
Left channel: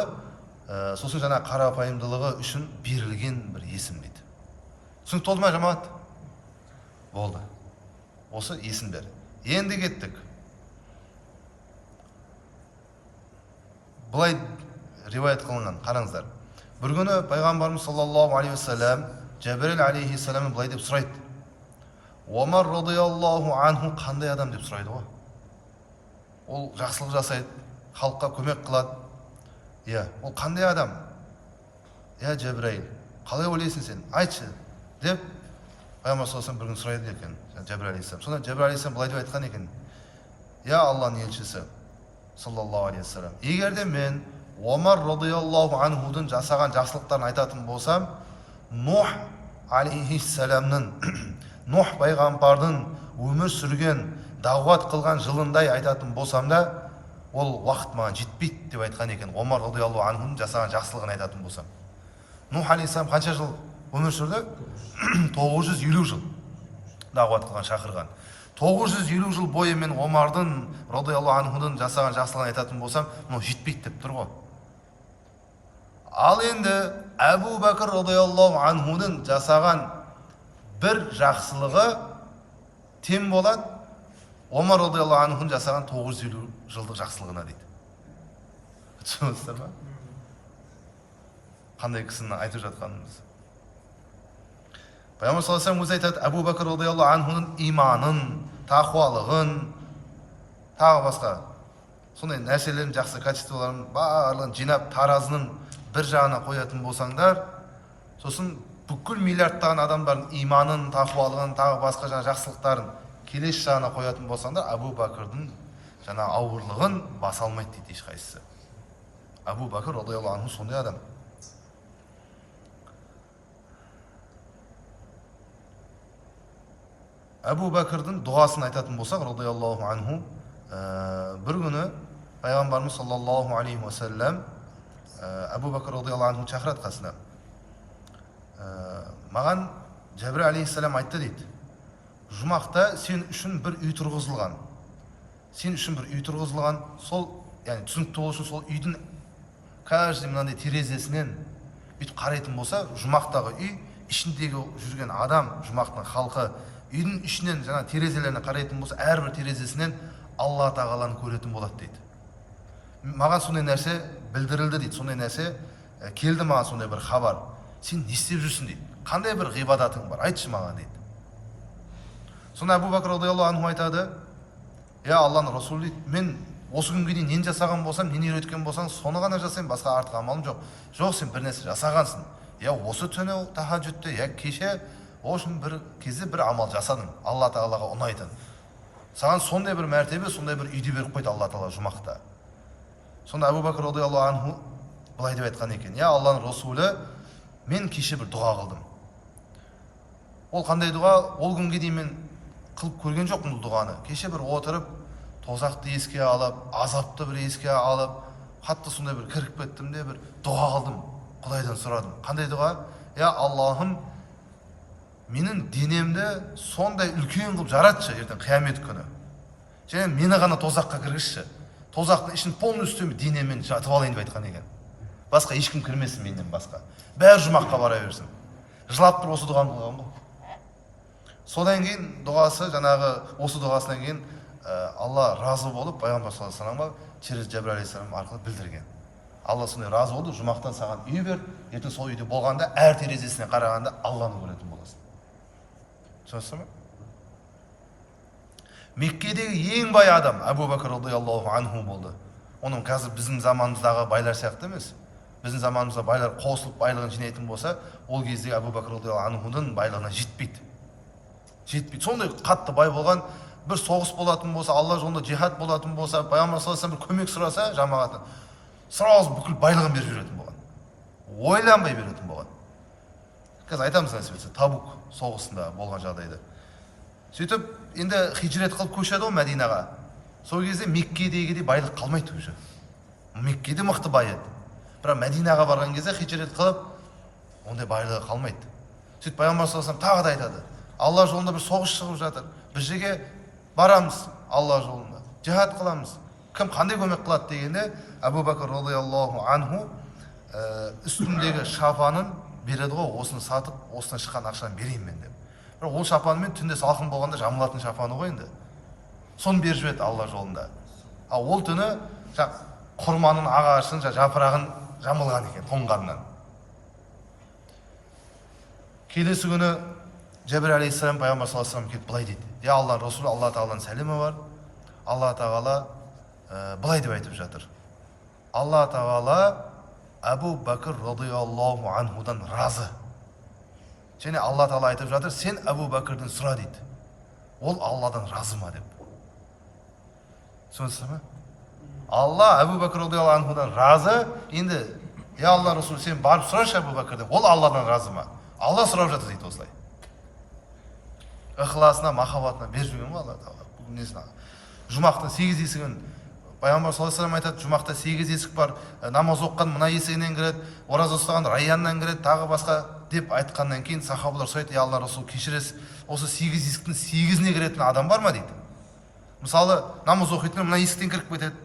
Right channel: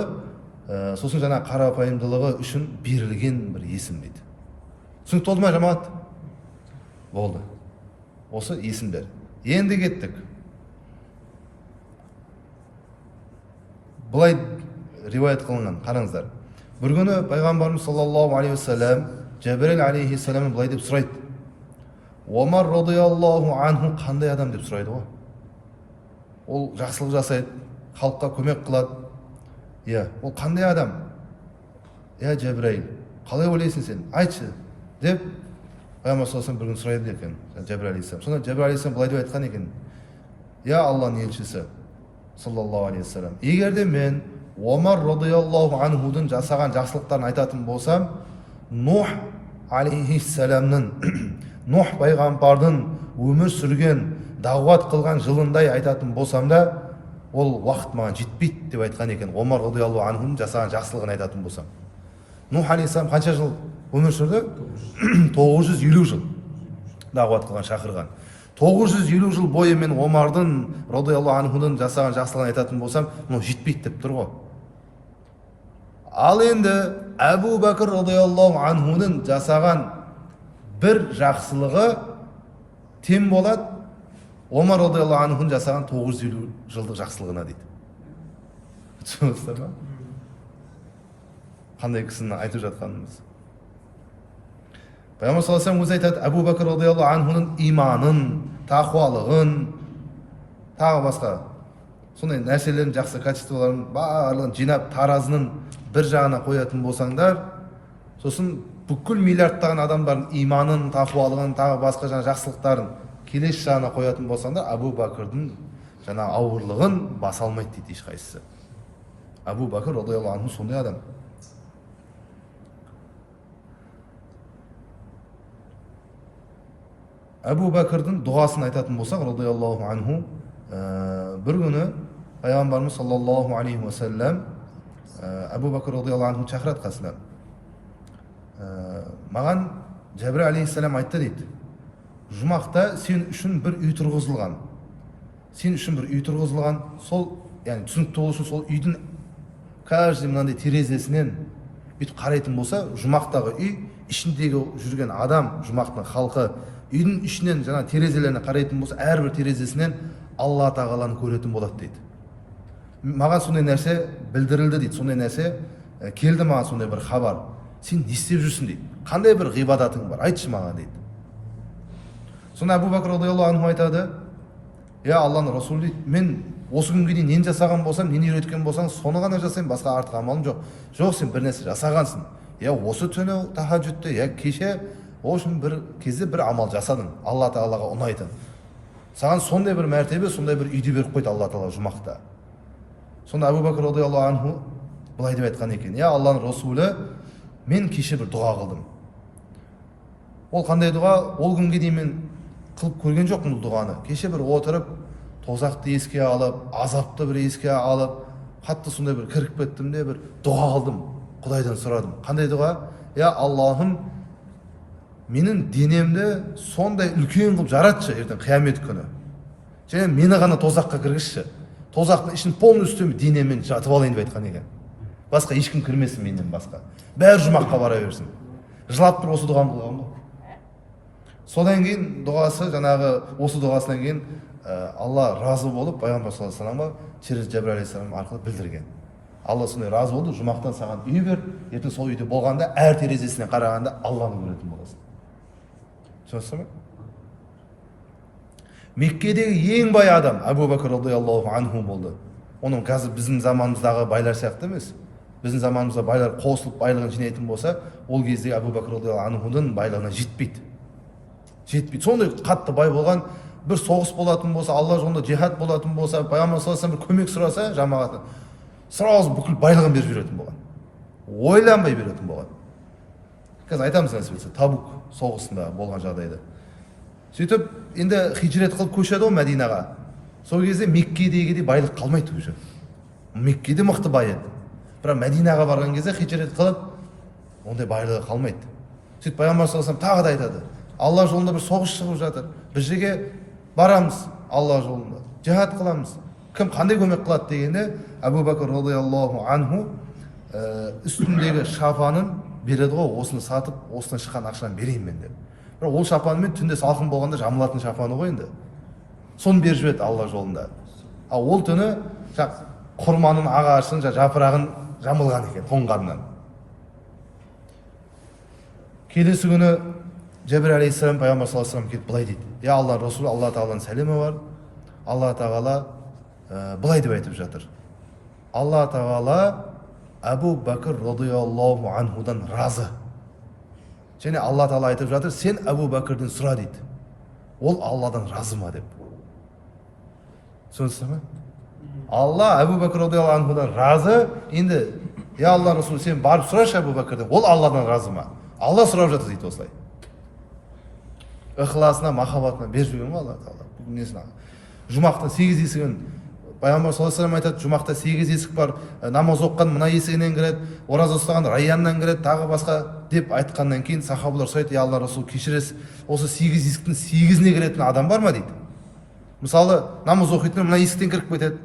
сосын жаңа қарапайымдылығы үшін берілген бір есім дейді. Түсінікті болды ма, жамағат? Болды. Осы есімдер. Енді кеттік. Бұлай риуаят қылынған, қараңыздар. Бір күні пайғамбарымыз саллаллаху алейхи вассалам Жәбірел алейхиссалам бұлай деп сұрайды. Омар радиаллаху анху қандай адам деп сұрайды ғой. Ол жақсылық жасайды, халыққа көмек қылады. Ол қандай адам? Жәбірел, қалай ойлайсың сен? Айтшы деп пайғамбар саллаллаху алейхи бір күн сұрайды екен Жәбірел алейхиссалам. Сонда Жәбірел алейхиссалам бұлай деп айтқан екен. Алланың елшісі саллаллаху алейхи вассалам, егер де мен Омар радиаллаху анхудың жасаған жақсылықтарын айтатын болсам, Нух алейхиссаламның, Нух пайғамбардың өмір сүрген, дағуат қылған жылындай айтатын болсам да, ол уақыт маған жетпейді деп айтқан екен. Омар радиаллаху анхудың жасаған жақсылығын айтатын болсам. Нух алейхиссалам қанша жыл өмір сүрді? 950 жыл дағуат қылған, шақырған. 950 жыл бойы мен Омардың радиаллаху анхудың жасаған жақсылығын айтатын болсам, но жетпейді деп тұр ғой. Ал енді Әбу Бәкір радиаллаху анхудың жасаған бір жақсылығы тең болады Омар радиаллаху анхудың жасаған 950 жылдық жақсылығына дейді. Түсінесіздер ме? Қандай кісіні айтып жатқанымыз. Пайғамбар саллаллаху алейхи вассалам өзі айтады, Әбу Бәкір радиаллаху анхудың иманын, тақуалығын, тағы басқа сондай нәрселерін, жақсы качестволарын барлығын жинап таразының бір жағына қоятын болсаңдар, сосын бүкіл миллиардтаған адамдардың иманын, тақуалығын, тағы басқа жаңа жақсылықтарын келесі жағына қоятын болсаңдар, Әбу Бәкірдің жаңа ауырлығын баса алмайды дейді ешқайсысы. Әбу Бәкір радиаллаху анху сондай адам. Әбу Бәкірдің дұғасын айтатын болсақ, радиаллаху анху, бір күні пайғамбарымыз саллаллаху алейхи уассалам Әбу Бәкір радиаллаху анху шақырады қасына. Маған Жәбірел алейхиссалам айтты дейді, жұмақта сен үшін бір үй тұрғызылған. Сен үшін бір үй тұрғызылған, сол, яғни түсінікті болу үшін сол үйдің каждый мынандай терезесінен бүйтіп қарайтын болса, жұмақтағы үй, ішіндегі жүрген адам, жұмақтың халқы, үйдің ішінен жаңа терезелеріне қарайтын болса, әрбір терезесінен Алла тағаланы көретін болады дейді. Маған сондай нәрсе білдірілді дейді, сондай нәрсе келді маған, сондай бір хабар. Сен не істеп жүрсің дейді, қандай бір ғибадатың бар, айтшы маған дейді. Сонда Әбу Бәкір радиаллаху анху айтады, Алланың Расулы, мен осы күнге дейін нені жасаған болсам, нені үйреткен болсаң, соны ғана жасаймын, басқа артық амалым жоқ. Жоқ, сен бір нәрсе жасағансың. Осы түні тахаджудта, кеше үшін бір кезде бір амал жасадың, Алла тағалаға ұнайтын. Саған сондай бір мәртебе, сондай бір үйді беріп қойды Алла тағала жұмақта. Сонда Әбу Бәкір радиаллаху анху былай деп айтқан екен, Алланың Расулы, мен кеше бір дұға қылдым. Ол қандай дұға? Ол күнге дейін мен қылып көрген жоқпын бұл дұғаны. Кеше бір отырып, тозақты еске алып, азапты бір еске алып, қатты сондай бір кіріп кеттім де бір дұға қылдым, Құдайдан сұрадым. Қандай дұға? Я Аллахым, менің денемді сондай үлкен қылып жаратшы ертең қиямет күні. Және мені ғана тозаққа кіргізші. Тозақтың ішін полностью денеммен жатып алайын деп айтқан екен. Басқа ешкім кірмесін менен басқа. Бәрі жұмаққа бара берсін. Жылап тұрып осы дұғаны қылған ғой. Содан кейін дұғасы, жаңағы осы дұғасынан кейін Алла разы болып пайғамбар саллаллаху алейхи вассаламға через Жабрил алейхиссалам арқылы білдірген. Алла сондай разы болды, жұмақтан саған үй бер, ертең сол үйде болғанда әр терезесіне қарағанда Алланы көретін боласың. Түсінесіз бе? Меккедегі ең бай адам Абу Бәкір радиаллаху анху болды. Оның қазір біздің заманымыздағы байлар сияқты емес. Біздің заманымызда байлар қосылып байлығын жинайтын болса, ол кездегі Абу Бәкір радиаллаху анхудың байлығына жетпейді. Сондай қатты бай болған, бір соғыс болатын болса, Алла жолында жихад болатын болса, пайғамбар саллаллаху алейхи вассалам бір көмек сұраса жамағатын, сразу бүкіл байлығын беріп жүретін болған. Ойланбай беретін болған. Қазір айтамыз әсіресе Табук соғысында болған жағдайды. Сөйтіп, енді хижрет қылып көшеді ғой Мәдинаға. Сол кезде Меккедегідей байлық қалмайды уже. Меккеде мықты бай еді. Бірақ Мәдинаға барған кезде хижрет қылып, ондай байлығы қалмайды. Сөйтіп пайғамбар саллаллаху алейхи вассалам тағы да айтады. Алла жолында бір соғыс шығып жатыр. Бір жерге барамыз Алла жолында. Жихад қыламыз. Кім қандай көмек қылады дегенде, Абу Бәкір радиаллаху анху үстіндегі шапанын береді ғой, осыны сатып, осыдан шыққан ақшаны берейін мен деп. Бірақ ол шапанымен түнде салқын болғанда жамылатын шапаны ғой енді. Соны беріп жіберді Алла жолында. Ал ол түні құрманың ағашын, жапырағын жамылған екен тоңғаннан. Келесі күні Жабрил алейхиссалам пайғамбар саллаллаху алейхи вассалам келіп былай дейді. Я Алла Расулы, Алла тағаланың сәлемі бар. Алла тағала былай деп айтып жатыр. Алла тағала Абу Бәкір радиаллаху анхудан разы. Және Алла тағала айтып жатыр, сен Абу Бәкірден сұра дейді. Ол Алладан разы ма деп. Түсінесіз ме? Алла Абу Бәкір радиаллаху анхудан разы. Енді я Алла Расулы, сен барып сұрашы Абу Бәкірден, ол Алладан разы ма? Алла сұрап жатыр дейді осылай. Ықыласына, махаббатына беріп жүрген ғой Алла тағала. Жұмақтың 8 есігін пайғамбар саллаллаху алейхи вассалам айтады, жұмақта 8 есік бар, намаз оққан мына есігінен кіреді, ораза ұстаған Райяннан кіреді, тағы басқа деп айтқаннан кейін сахабалар сұрайды, я Алла Расул, кешіресіз, осы 8 есіктің 8-іне кіретін адам бар ма дейді. Мысалы, намаз оқитын мына есіктен кіріп кетеді,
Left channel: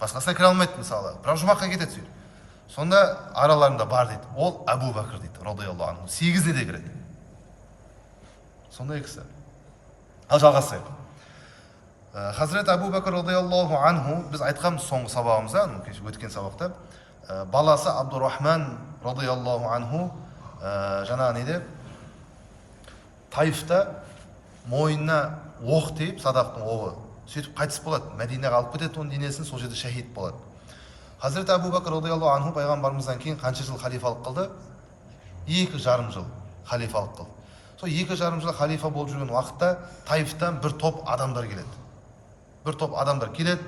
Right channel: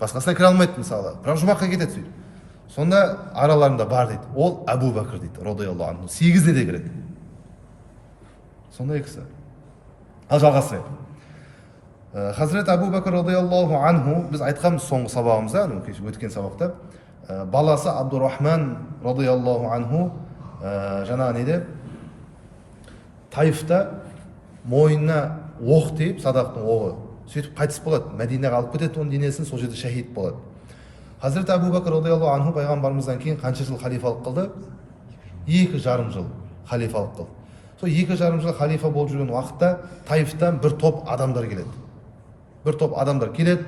басқасына кіре алмайды мысалы, бірақ жұмаққа кетеді сөйтіп. Сонда араларында бар дейді, ол Абу Бәкір дейді, радиаллаху анху, 8-іне де кіреді. Сондай кісі. Ал жалғастырайық. Хазірет Абу Бәкір радиаллаху анху, біз айтқанбыз соңғы сабағымызда, өткен сабақта, баласы Абдурахман радиаллаху анху жаңағы неде Таифта мойнына оқ тиіп, садақтың оғы, сөйтіп қайтыс болады. Мәдинаға алып кетеді оның денесін, сол жерде шахид болады. Хазірет Абу Бәкір радиаллаху анху пайғамбарымыздан кейін қанша жыл халифалық қылды? 2,5 жыл халифалық қылды. Сол 2,5 жыл халифа болып жүрген уақытта Таифтан бір топ адамдар келеді.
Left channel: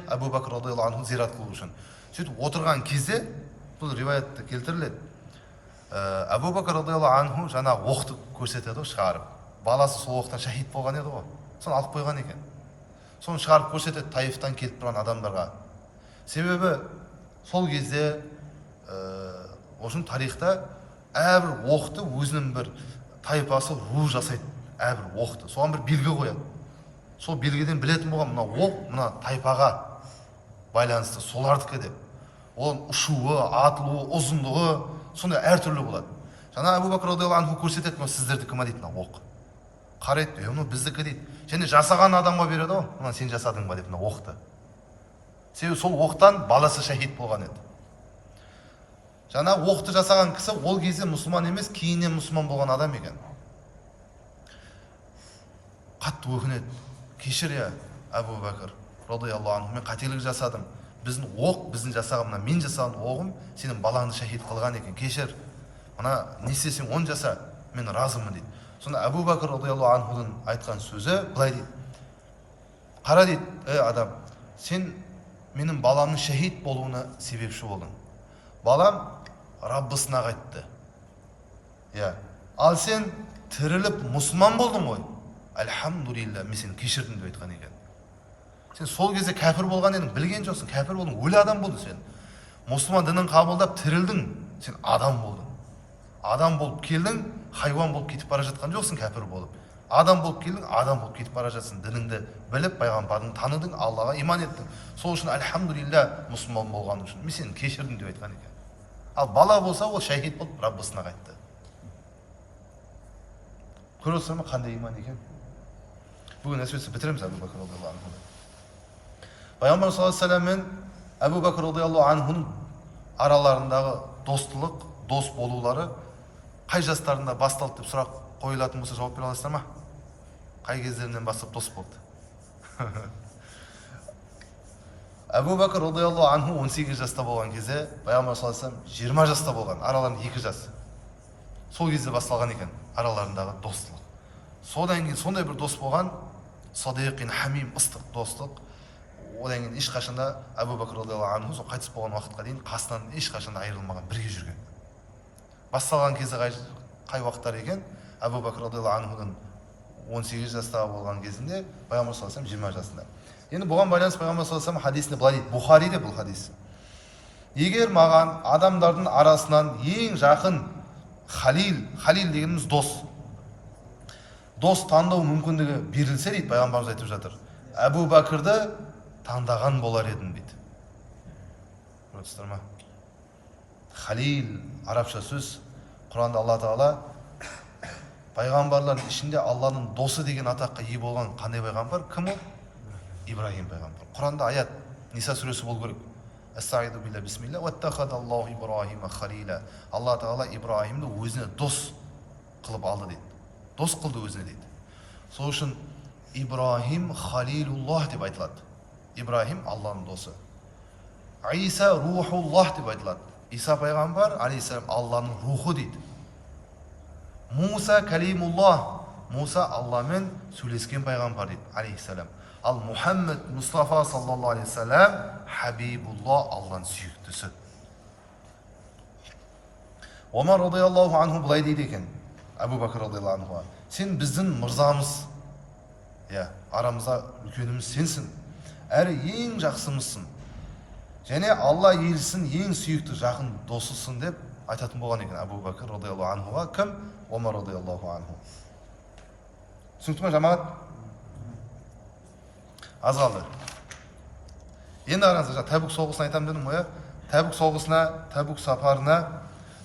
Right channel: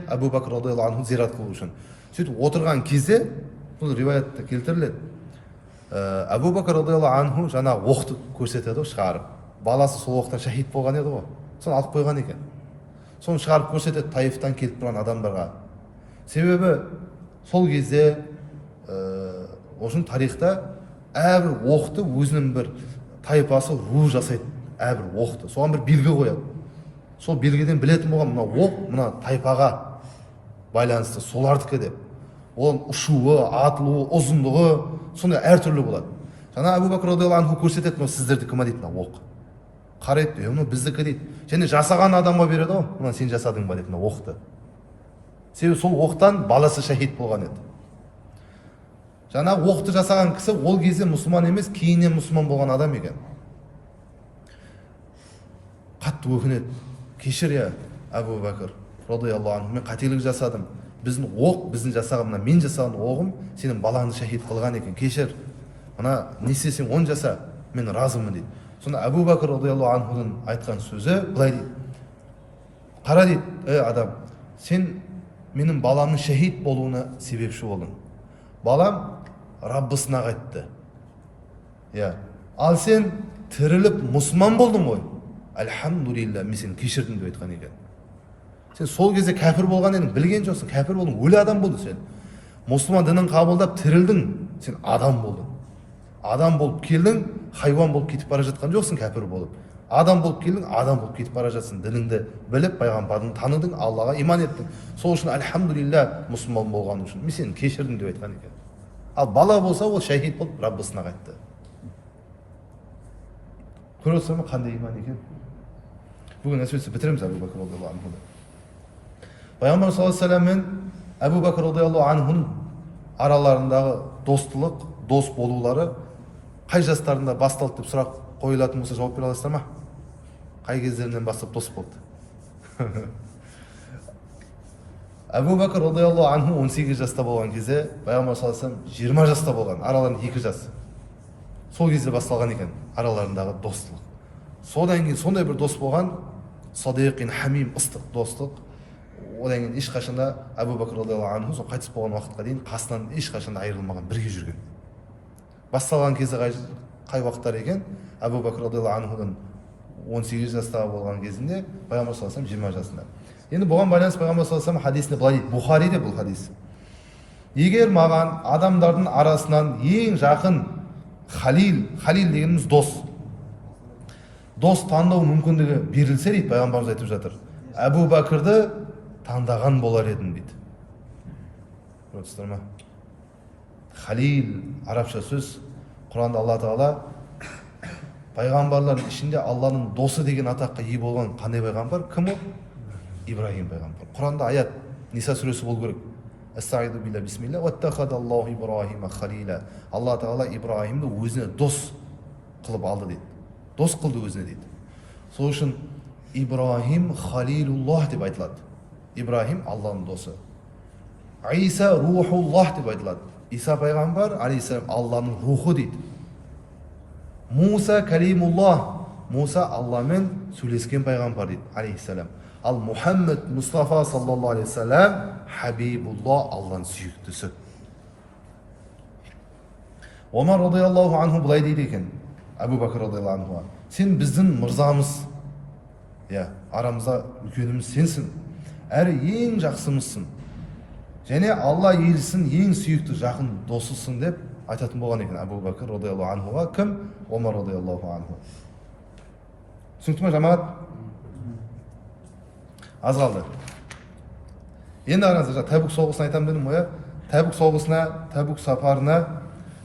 Абу Бәкір радиаллаху анху зиярат қылу үшін. Сөйтіп отырған кезде, бұл риwаятта келтіріледі. Абу Бәкір радиаллаху анху жаңағы оқты көрсетеді, шығарып. Баласы сол оқтан шахид болған еді ғой. Соны алып қойған екен. Соны шығарып көрсетеді Таифтан келіп тұрған адамдарға. Себебі сол кезде осының тарихта әрбір оқты өзінің бір тайпасы ру жасайды, әрбір оқты. Соған бір белгі қояды. Сол белгіден білетін болған, мына оқ, мына тайпаға байланысты солардікі деп. Оның ұшуы, атылуы, ұзындығы, сондай әртүрлі болады. Жаңа Абу Бәкір радиаллаху анху көрсетеді, сіздердікі ма дейді, мына оқ. Қарайды, мына біздікі дейді. Және жасаған адамға береді ғой, мына сен жасадың ба деп, мына оқты. Себебі сол оқтан баласы шахид болған еді. Жаңа оқты жасаған кісі ол кезде мұсылман емес, кейіннен мұсылман болған адам екен. Қатты өкінеді. Кешір я, Абу Бәкір радиаллаху анху, мен қателік жасадым. Біздің оқ, біздің жасағым, мен жасаған оғым сенің балаңды шахид қылған екен. Кешір. Мына не істесең оны жаса, мен разымын дейді. Сонда Абу Бәкір радиаллаху анхудың айтқан сөзі былай дейді. Қара дейді, адам, сен менің баламның шахид болуына себепші болдың. Балам Раббысына қайтты. Ал сен тіріліп мұсылман болдың ғой. Альхамдулилля, мен сені кешірдім деп айтқан екен. Сен сол кезде кәпір болған едің, білген жоқсың, кәпір болдың, өлі адам болдың сен. Мұсылман дінін қабылдап тірілдің, сен адам болдың. Адам болып келдің, хайуан болып кетіп бара жатқан жоқсың кәпір болып. Адам болып келдің, адам болып кетіп бара жатсың. Дініңді біліп, пайғамбардың таныдың, Аллаға иман еттің. Сол үшін альхамдулилля мұсылман болғаның үшін мен сені кешірдім деп айтқан екен. Ал бала болса, ол шахид болып Раббысына қайтты. Көріп отырсың ба қандай иман екен? Бүгін әсіресе бітіреміз Әбу Бәкір радиаллаху анхуды. Пайғамбар саллаллаху алейхи вассалам мен Әбу Бәкір радиаллаху анхудың араларындағы достылық, дос болулары қай жастарында басталды деп сұрақ қойылатын болса жауап бере аласыздар ма? Қай кездерінен бастап дос болды? Әбу Бәкір радиаллаху анху 18 жаста болған кезде, Пайғамбар саллаллаху алейхи вассалам 20 жаста болған, араларында 2 жас. Сол кезде басталған екен араларындағы достылық. Содан кейін сондай бір дос болған, садиқин хамим, ыстық достық. Одан кейін ешқашанда Әбу Бәкір радиаллаху анху сол қайтыс болған уақытқа дейін қасынан ешқашанда айырылмаған, бірге жүрген. Басталған кезде қай уақыттар екен? Әбу Бәкір радиаллаху анхудың 18 жастағы болған кезінде, Пайғамбар саллаллаху алейхи вассалам 20 жасында. Енді бұған байланысты Пайғамбар саллаллаху алейхи вассалам хадисінде былай дейді, Бухариде бұл хадис. Егер маған адамдардың арасынан ең жақын халил дегеніміз дос таңдау мүмкіндігі берілсе дейді, пайғамбарымыз айтып жатыр, Әбу Бәкірді таңдаған болар едім дейді. Көрдіңіздер ме? Халил арабша сөз. Құранда Алла Тағала пайғамбарлардың ішінде Алланың досы деген атаққа ие болған қандай пайғамбар? Кім ол? Ибрахим пайғамбар. Құранда аят Ниса сүресі болу керек. Астағиду билля бисмилля уаттахадаллаху Ибрахима халила. Алла Тағала Ибрахимді өзіне дос қылып алды дейді. Дос қылды өзіне дейді. Сол үшін Ибрахим халилуллах деп айтылады. Ибрахим Алланың досы. Иса рухуллах деп айтылады. Иса пайғамбар алейхиссалам Алланың рухы дейді. Муса калимуллах. Муса Алламен сөйлескен пайғамбар дейді алейхиссалам. Ал Мұхаммед Мұстафа саллаллаху алейхи вассалам хабибуллах, Алланың сүйіктісі. Омар радиаллаху анху былай дейді екен, Әбу Бәкір радиаллаху анху, сен біздің мырзамыз, арамызда үлкеніміз сенсің, әрі ең жақсымызсың, және Алла елісін ең сүйікті жақын досысың деп айтатын болған екен Әбу Бәкір радиаллаху анхуға. Кім? Омар радиаллаху анху. Түсінікті ме жамағат? Аз қалды. Енді қараңыздар, Тәбук соғысына айтамын дедім ғой. Тәбук соғысына, Тәбук сапарына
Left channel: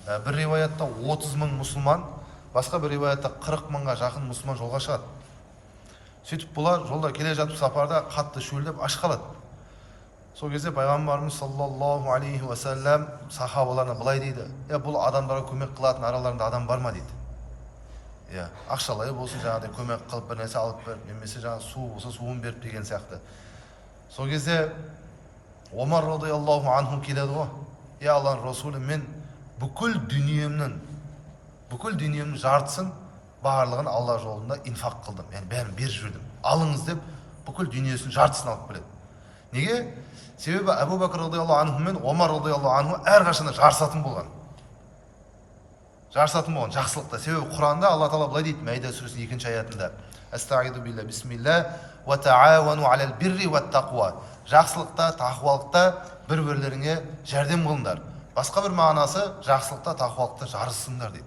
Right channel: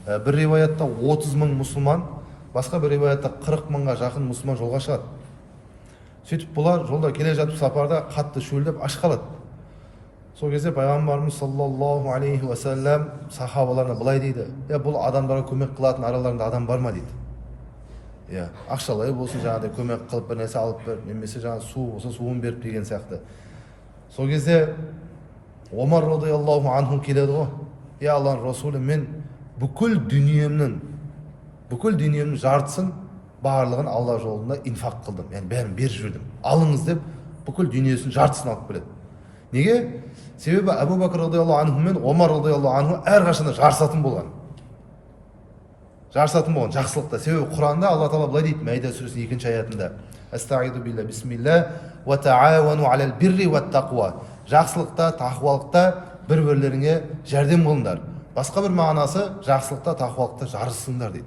бір риwayatта 30 мың мұсылман, басқа бір риwayatта 40 мыңға жақын мұсылман жолға шығады. Сөйтіп бұлар жолда келе жатып сапарда қатты шөлдеп аш қалады. Сол кезде пайғамбарымыз саллаллаху алейхи уассалам сахабаларына былай дейді: бұл адамдарға көмек қылатын араларында адам бар ма дейді. Ақшалай болсын, жаңағыдай көмек қылып бір нәрсе алып беріп, немесе жаңағы су болса суын беріп деген сияқты. Сол кезде Омар радиаллаху анху келеді ғой: Алланың Расулы, мен бүкіл дүниемнің жартысын, барлығын Алла жолында инфақ қылдым. Яғни бәрін беріп жібердім. Алыңыз деп бүкіл дүниесінің жартысын алып келеді. Неге? Себебі Әбу Бәкір радиаллаху анху мен Омар радиаллаху анху әрқашанда жарысатын болған. Жақсылықта. Себебі Құранда Алла Тағала былай дейді, Мәида сүресінің 2-ші аятында: Астағиду билля бисмилля ва таауану алал бирри ват тақуа. Жақсылықта, тақуалықта бір-бірлеріңе жәрдем қылыңдар. Басқа бір мағынасы, жақсылықта, тақуалықта жарысыңдар дейді.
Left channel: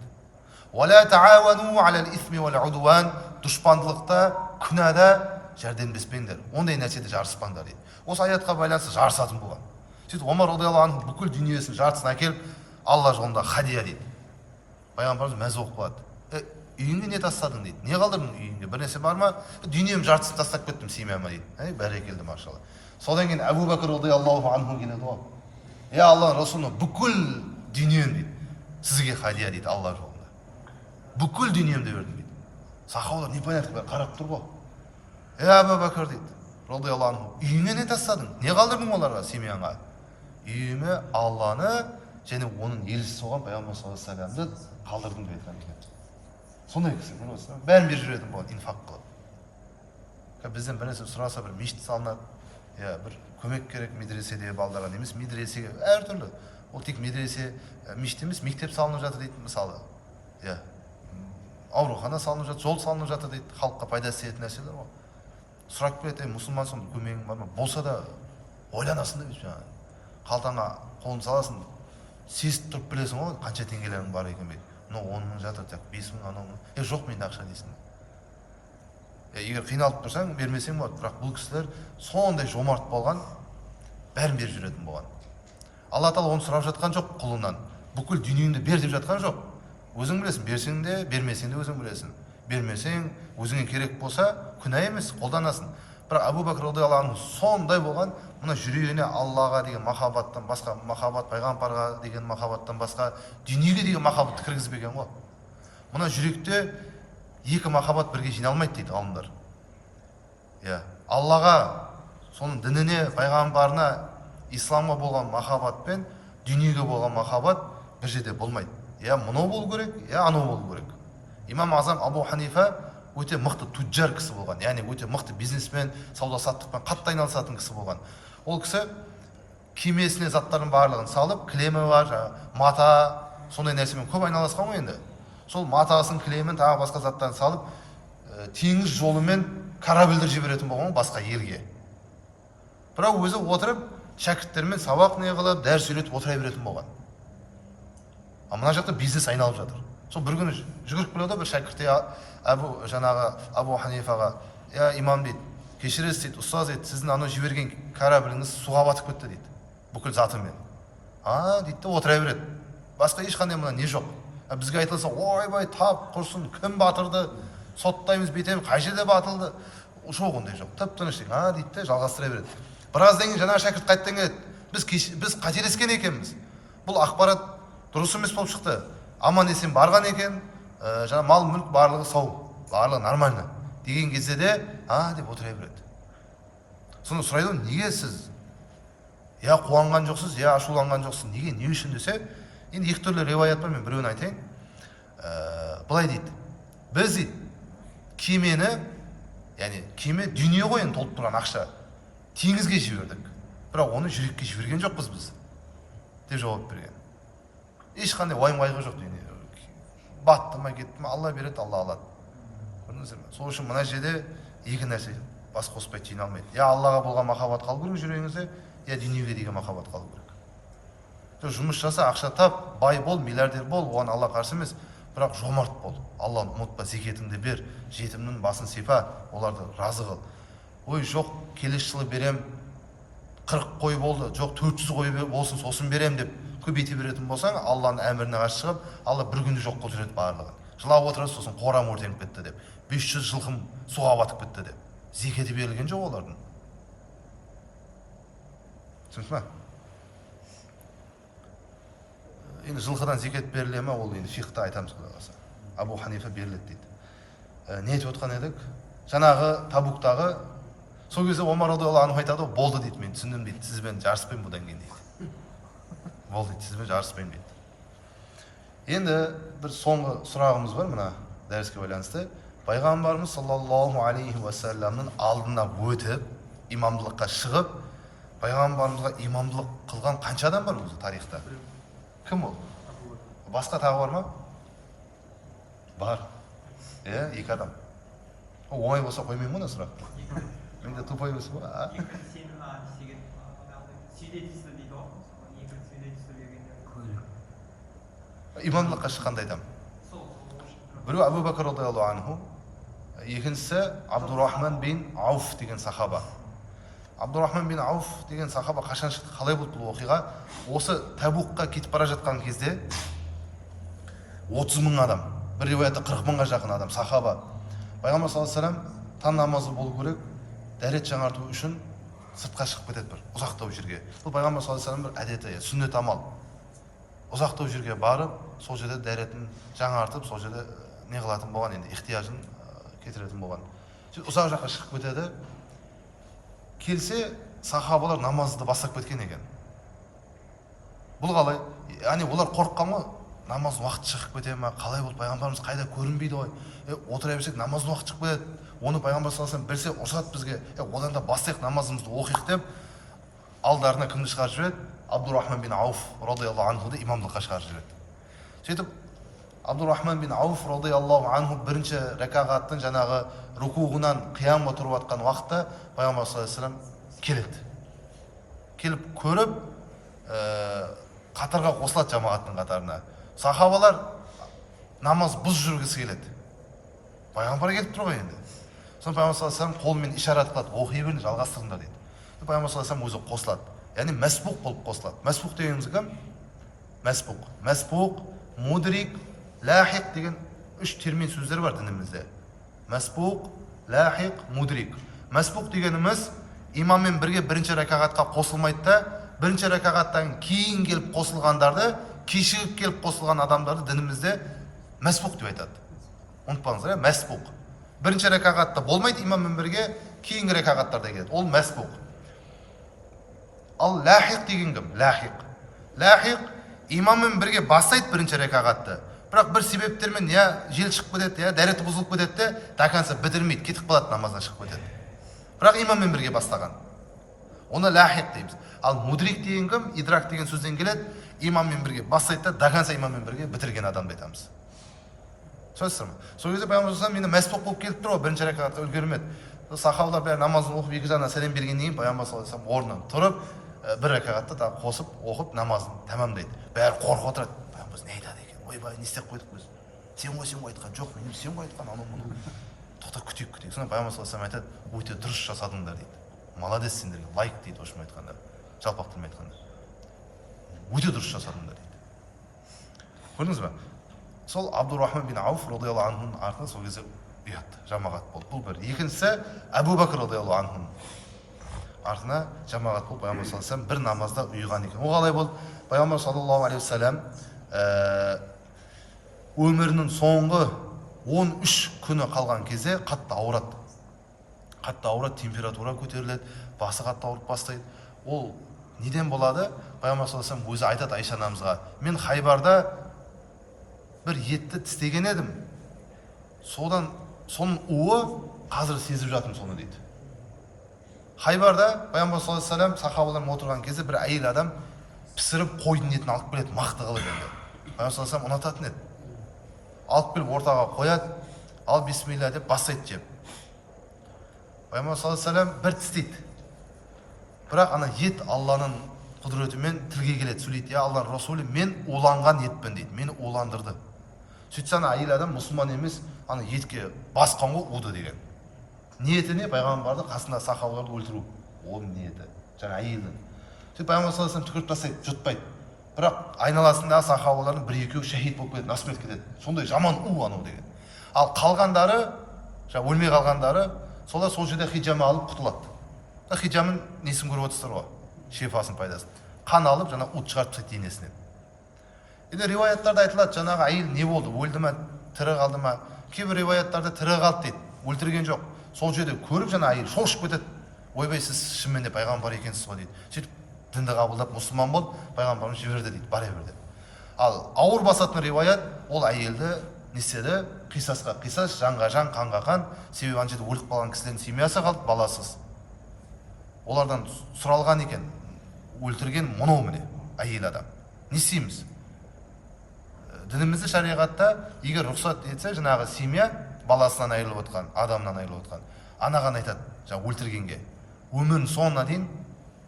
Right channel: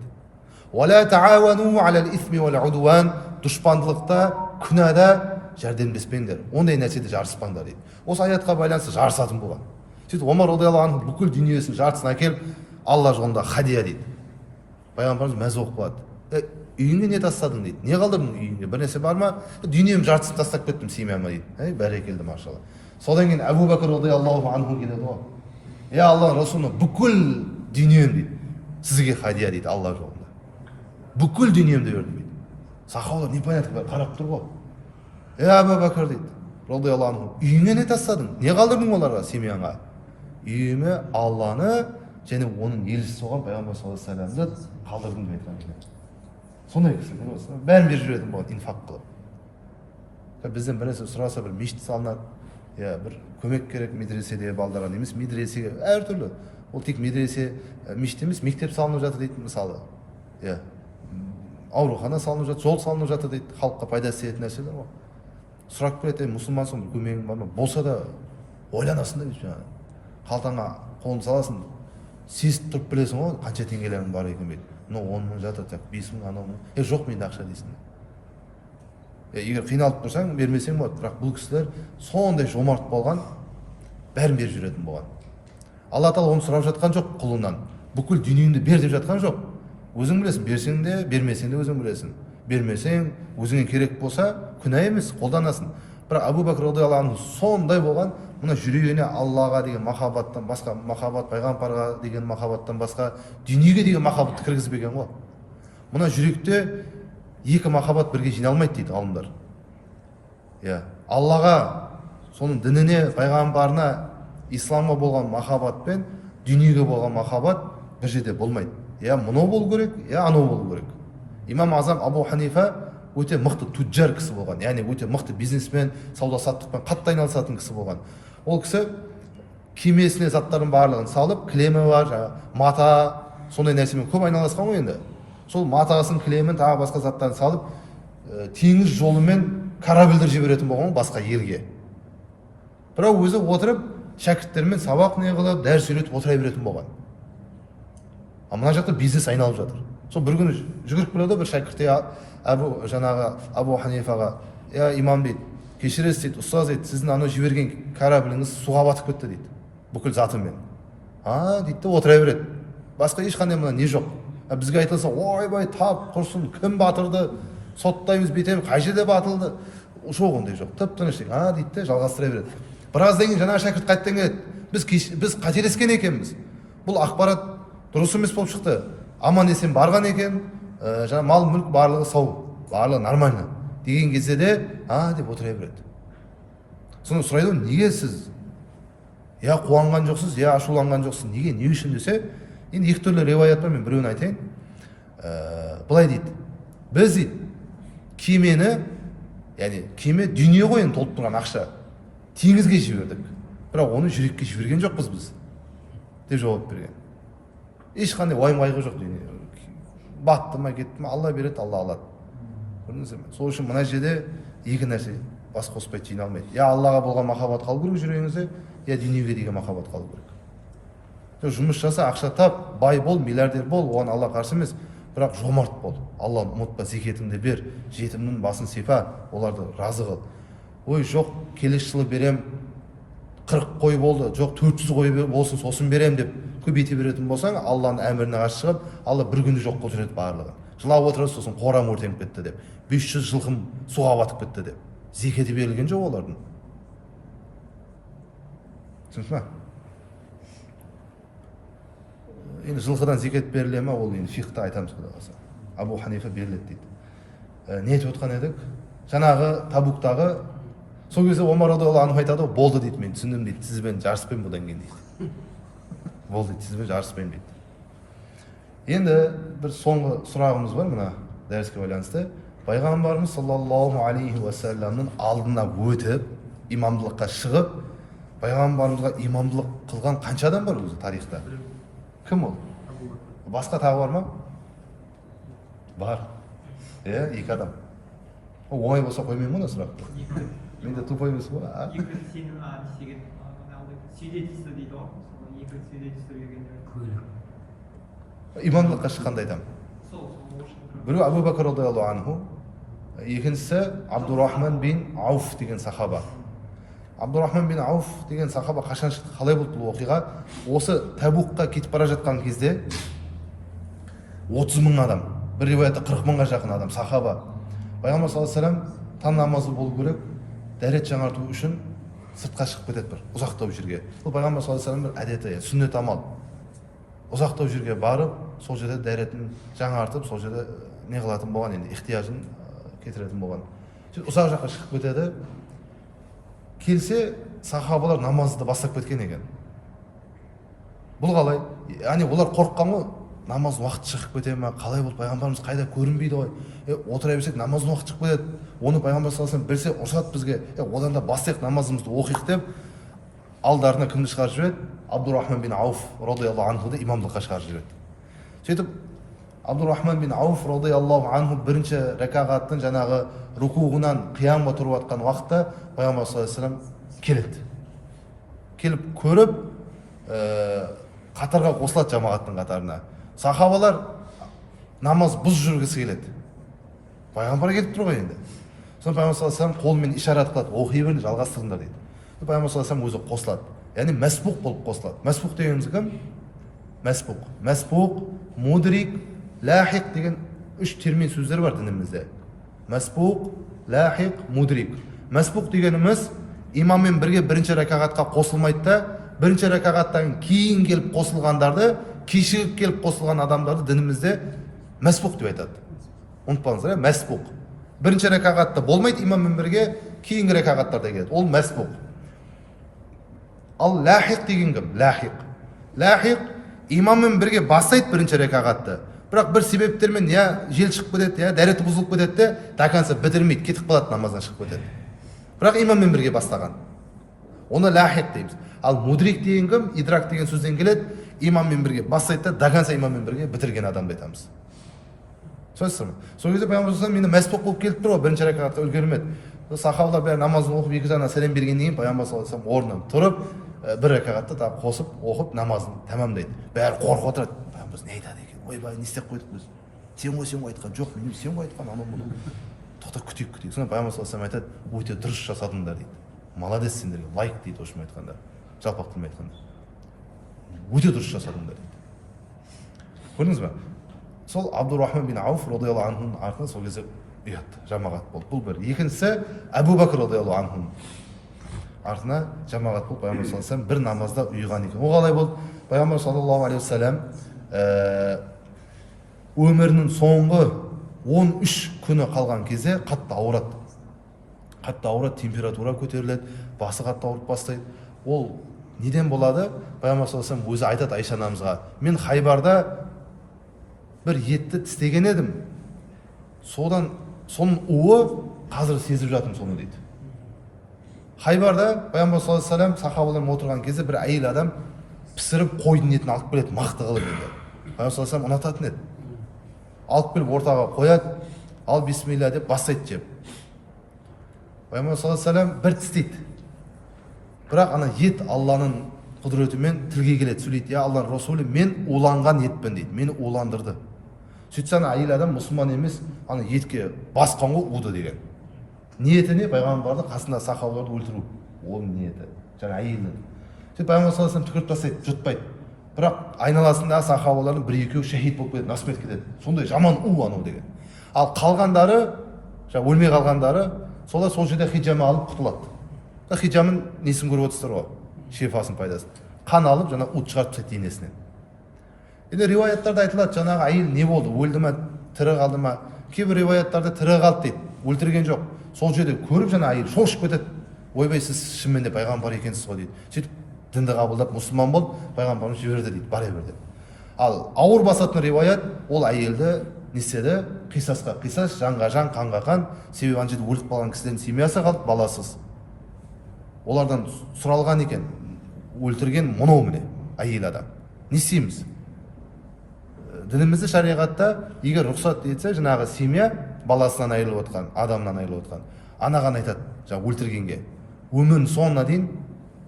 Ва ла таауану алал исми вал удуан. Дұшпандылықта, күнәда жәрдемдеспеңдер. Ондай нәрседе жарыспаңдар дейді. Осы аятқа байланысты жарысатын болған. Сөйтіп Омар радиаллаху анху бүкіл дүниесінің жартысын әкеліп Алла жолында хадия дейді. Пайғамбарымыз мәз болып қалады. Үйіңе не тастадың дейді. Не қалдырдың үйіңде? Бір нәрсе бар ма? Дүнием жартысын тастап кеттім семьяма дейді. Бәрекелді, машалла. Содан кейін Әбу Бәкір радиаллаху анху келеді ғой: Алла Расулы, бүкіл дүнием дейді, сізге хадия дейді, Алла жолында. Бүкіл дүниемді бердім дейді. Сахабалар непонятно қарап тұр ғой. Әбу Бәкір дейді радиаллаху анху, үйіңе не тастадың? Не қалдырдың оларға, семьяңа? Үйіме Алланы және оның елшісі болған пайғамбар саллаллаху алейхи вассаламды қалдырдым деп айтқан екен. Сондай кісі, бәрін беріп жүретін болған, инфақ қылып. Бізден бір нәрсе сұраса, бір мешіт салынады, бір көмек керек медреседе балдарға, емес медресеге, әртүрлі. Ол тек медресе, мешіт емес, мектеп салынып жатыр дейді, мысалы. Аурухана салынып жатыр, жол салынып жатыр дейді, халыққа пайдасы тиетін нәрселер ғой. сұрап келеді, мұсылмансың, көмегің бар ма? Болса да ойланасың да дейді, жаңағы қалтаңа қолын саласың, сезіп тұрып білесің ғой қанша теңгелерің бар екен дейді. Мынау 10 мың жатыр, 5 мың, анау мың. Жоқ менде ақша дейсің. Егер қиналып тұрсаң бермесең болады, бірақ бұл кісілер сондай жомарт болған, бәрін беріп жүретін болған. Алла тағала оны сұрап жатқан жоқ құлынан. Бүкіл дүниеңді бер деп жатқан жоқ. Өзің білесің, берсең де, бермесең де өзің білесің. Бермесең, өзіңе керек болса, күнә емес, қолданасың. Бірақ Абу Бәкір радиаллаху анху сондай болған, мына жүрегіне Аллаға деген махаббаттан басқа махаббат, пайғамбарға деген махаббаттан басқа дүниеге деген махаббатты кіргізбеген ғой. Мына жүректе екі махаббат бірге жиналмайды дейді ғалымдар. Аллаға, соның дініне, пайғамбарына, исламға болған махаббат пен дүниеге болған махаббат бір жерде болмайды. Мынау болу керек, анау болу керек. Имам Азам Абу Ханифа өте мықты туджар кісі болған, яғни өте мықты бизнесмен, сауда саттықпен қатты айналысатын кісі болған. Ол кісі кемесіне заттардың барлығын салып, кілемі бар, мата, сондай нәрсемен көп айналысқан ғой енді. Сол матасын, кілемін, тағы басқа заттарын салып, теңіз жолымен корабльдер жіберетін болған басқа елге. Бірақ өзі отырып, шәкірттермен сабақ не қылып, дәріс үйретіп отыра беретін болған. Мына жақта бизнес айналып жатыр. Сол бір күні жүгіріп келеді бір шәкірт жаңағы Абу Ханифаға, имам дейді, кешіресіз дейді, ұстаз дейді, сіздің анау жіберген корабліңіз суға батып кетті дейді, бүкіл затымен. Дейді де отыра береді. Басқа ешқандай мына не жоқ. Бізге айтылса, ойбай, тап құрсын, кім батырды, соттаймыз, бетеміз, қай жерде батылды. Жоқ ондай жоқ. Тып-тыныш дейді де жалғастыра береді. Біраздан кейін жаңағы шәкірт қайттан келеді. Біз қателескен екенбіз. Бұл ақпарат дұрыс емес болып шықты. Аман есен барған екен, жаңа мал мүлк барлығы сау, барлығы нормально деген кезде де деп отыра береді. Соны сұрайды, неге сіз қуанған жоқсыз, ашуланған жоқсыз, неге, не үшін десе, енді екі түрлі риуаят бар, мен біреуін айтайын. Былай дейді, біз дейді кемені, яғни кеме дүние ғой енді толып тұрған ақша, теңізге жібердік, бірақ оны жүрекке жіберген жоқпыз біз деп жауап берген. Ешқандай уайым қайғы жоқ дейді. Батты ма, кетті ма, Алла береді, Алла алады. Көрдіңіздер ме? Сол үшін мына жерде екі нәрсе бас қоспай жиналмайды. Аллаға болған махаббат қалу керек жүрегіңізде, дүниеге деген махаббат қалу керек. Жұмыс жаса, ақша тап, бай бол, миллиардер бол, оған Алла қарсы емес, бірақ жомарт бол. Алланы ұмытпа, зекетіңді бер, жетімнің басын сипа, оларды разы қыл. Ой, жоқ, келесі жылы берем, 40 қой болды, жоқ 400 қой болсын, сосын берем деп көбейте беретін болсаң, Алланың әміріне қарсы шығып, Алла бір күнде жоқ қылып жібереді барлығын. Жылап отырады, сосын қорам өртеніп кетті деп, 500 жылқым суға батып кетті деп. Зекеті берілген жоқ олардың. Түсінесіз ме? Енді жылқыдан зекет беріле ме, ол енді фиқта айтамыз құдай қаласа. Абу Ханифа беріледі дейді. Не етіп отқан едік? Жаңағы Табуктағы, сол кезде Омар радиаллаху анху айтады, болды дейді, мен түсіндім дейді, сізбен жарыспаймын бұдан кейін дейді. Болды дейді, сізбен жарыспаймын дейді. Енді бір соңғы сұрағымыз бар мына дәріске байланысты. Пайғамбарымыз саллаллаху алейхи уассаламның алдына өтіп, имамдылыққа шығып, пайғамбарымызға имамдылық қылған қанша адам бар өзі тарихта? Кім ол? Басқа тағы бар ма? Бар. Екі адам. Оңай болса қоймаймын мұны сұрақты. Менде тупой емес бұл. Екі сенің деген свидетельство дейді ғой. Екі свидетельство бергенде. Имамдылыққа шыққанда айтамын. Біреу Абу Бәкір радиаллаху анху, екіншісі Абдурахман бин Ауф деген сахаба. Абдурахман бин Ауф деген сахаба қашан шықты, қалай болды бұл оқиға? Осы Табукқа кетіп бара жатқан кезде 30 мың адам, бір риуаятта 40 мыңға жақын адам, сахаба. Пайғамбар саллаллаху алейхи вассалам таң намазы болу керек, дәрет жаңарту үшін сыртқа шығып кетеді бір ұзақтау жерге. Бұл пайғамбар саллаллаху алейхи вассалам бір әдеті, сүннет амал. Ұзақтау жерге барып, сол жерде дәретін жаңартып, сол жерде не қылатын болған, енді ихтияжын кетіретін болған. Ұзақ жаққа шығып кетеді. Келсе, сахабалар намазды бастап кеткен екен. Бұл қалай? Яғни олар қорыққан ғой, намаз уақыт шығып кете ме, қалай болды, пайғамбарымыз қайда көрінбейді ғой. Отыра берсек намаз уақыт шығып кетеді. Оны пайғамбар саллаллаху алейхи вассалам білсе, ұрсады бізге. Одан да бастайық намазымызды оқиық деп, алдарына кімді шығарып жібереді? Абдурахман бин Ауф радиаллаху анхуды имамдыққа шығарып жібереді. Сөйтіп Абдурахман бин Ауф радиаллаху анху бірінші рәкағаттың жаңағы рукуғынан қиямға тұрып жатқан уақытта пайғамбар саллаллаху алейхи вассалам келеді. Келіп көріп, қатарға қосылады жамағаттың қатарына. Сахабалар намаз бұз жүргісі келеді. Пайғамбар келіп тұр ғой енді. Соны пайғамбар саллаллаху алейхи вассалам қолымен ишарат қылады, оқи беріңдер, жалғастырыңдар дейді. Пайғамбар саллаллаху алейхи вассалам өзі қосылады. Яғни мәсбуқ болып қосылады. Мәсбуқ дегеніміз кім? Мәсбуқ. Мәсбуқ, мудрик, лахиқ деген үш термин сөздер бар дінімізде. Мәсбуқ, лахиқ, мудрик. Мәсбуқ дегеніміз имаммен бірге бірінші рәкағатқа қосылмайды да, бірінші рәкағаттан кейін келіп қосылғандарды, кешігіп келіп қосылған адамдарды дінімізде мәсбуқ деп айтады. Ұмытпаңыздар, мәсбуқ. Бірінші рәкағатта болмайды имаммен бірге, кейінгі рәкағаттарда келеді. Ол мәсбуқ. Ал лахиқ деген кім? Лахиқ. Лахиқ имаммен бірге бастайды бірінші рәкағатты. Бірақ бір себептермен я жел шығып кетеді, я дәреті бұзылып кетеді де, тақанса бітірмейді, кетіп қалады, намаздан шығып кетеді. Бірақ имаммен бірге бастаған. Оны лахиқ дейміз. Ал мудрик деген кім? Идрак деген сөзден келеді. Имаммен бірге бастайды да, тақанса имаммен бірге бітірген адамды айтамыз. Сөзсіз ме? Сол кезде пайғамбар саллаллаху алейхи вассалам мені мәсбуқ болып келіп тұр ғой, бірінші рәкағатта үлгермеді. Сахабалар бәрі намазын оқып екі жағынан сәлем бергеннен кейін пайғамбар саллаллаху алейхи вассалам орнынан тұрып, бір рәкағатта тағы қосып оқып намазын тәмамдайды. Бәрі қорқып отырады. Пайғамбар не айтады екен? Ойбай, не істеп қойдық біз? Сен ғой айтқан жоқ, мен сен ғой айтқан анау мұны. Тоқтап күтейік. Сонда пайғамбар саллаллаху алейхи вассалам айтады, өте дұрыс жасадыңдар дейді. Молодец сендерге, лайк дейді орысша айтқанда. Жалпақ тілмен айтқанда. Өте дұрыс жасадыңдар дейді. Көрдіңіз бе? Сол Абдурахман бин Ауф радиаллаху анхудың артынан сол кезде ұятты, жамағат болды. Бұл бір. Екіншісі Әбу Бәкір радиаллаху анхудың артына жамағат болып пайғамбар саллаллаху алейхи вассалам бір намазда ұйыған екен. Ол қалай болды? Пайғамбар саллаллаху алейхи вассалам өмірінің соңғы 13 күні қалған кезде қатты ауырады. Қатты ауырады, температура көтеріледі, басы қатты ауырып бастайды. Ол неден болады? Пайғамбар саллаллаху алейхи вассалам өзі айтады Айша анамызға, мен Хайбарда бір етті тістеген едім. Соның уы қазір сезіп жатырмын соны дейді. Хайбарда пайғамбар саллаллаху алейхи вассалам сахабалармен отырған кезде бір әйел адам пісіріп қойдың етін алып келеді, мақты қылып еді. Пайғамбар саллаллаху алейхи вассалам ұнататын еді. Алып келіп ортаға қояды, ал бисмилля деп бастайды жеп. Пайғамбар саллаллаху алейхи вассалам бір тістейді. Бірақ ана ет Алланың құдіретімен тілге келеді, сөйлейді. Я Алланың Расулы, мен уланған етпін дейді, мені уландырды. Сөйтсе ана әйел адам мұсылман емес, ана етке басқан ғой уды деген. Ниеті не? Пайғамбарды қасында сахабаларды өлтіру. Ол ниеті. Жаңа әйелдің. Сөйтіп пайғамбар саллаллаху алейхи вассалам түкіріп тастайды, жұтпайды. Бірақ айналасындағы сахабалардың бір-екеуі шахид болып кетеді, насмет кетеді. Сондай жаман у анау деген. Ал қалғандары, жаңа өлмей қалғандары, солар сол жерде хиджама алып құтылады. Хиджамын несін көріп отырсыздар ғой? Шифасын, пайдасын. Қан алып, жаңа ут шығарып тастайды денесінен. Енді риуаяттарда айтылады, жаңағы әйел не болды? Өлді ме, тірі қалды ма? Кейбір риуаяттарда тірі қалды дейді, өлтірген жоқ. Сол жерде көріп жаңа әйел шошып кетеді. Ойбай, сіз шынымен де пайғамбар екенсіз ғой дейді. Сөйтіп дінді қабылдап мұсылман болып, пайғамбарымыз жіберді дейді, бара берді. Ал ауыр басатын риуаят, ол әйелді неседі, қисасқа қисас, жанға жан, қанға қан. Себебі ана жерде өліп қалған кісілердің семьясы қалды, баласыз. Олардан сұралған екен, өлтірген мынау міне әйел адам. Не істейміз? Дінімізде шариғатта егер рұқсат етсе, жаңағы семья баласынан айырылып отқан, адамнан айырылып отқан, анаған айтады, жаңа өлтіргенге, өмірінің соңына дейін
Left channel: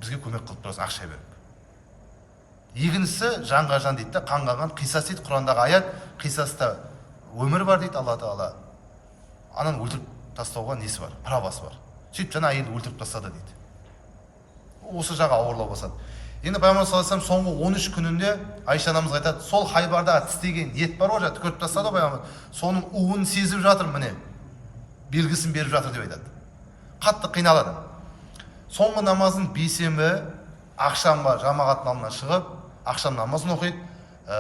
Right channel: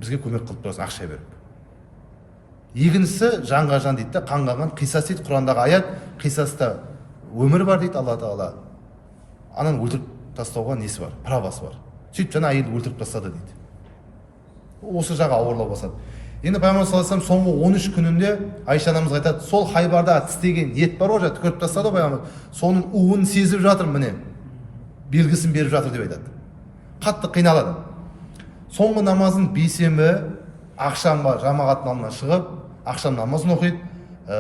бізге көмек қылып тұрасың, ақша беріп. Екіншісі жанға жан дейді де, қанға қан, қисас дейді, Құрандағы аят, қисаста өмір бар дейді Алла Тағала. Ананы өлтіріп тастауға несі бар? Правасы бар. Сөйтіп жаңа әйелді өлтіріп тастады дейді. Осы жағы ауырлау басады. Енді пайғамбар саллаллаху алейхи вассалам соңғы 13 күнінде Айша анамызға айтады, сол Хайбарда тістеген ет бар ғой, түкіріп тастады пайғамбар. Соның уын сезіп жатыр, міне. Белгісін беріп жатыр деп айтады. Қатты қиналады. Соңғы намазын бейсенбі ақшамға жамағаттың алдына шығып, ақшам намазын оқиды,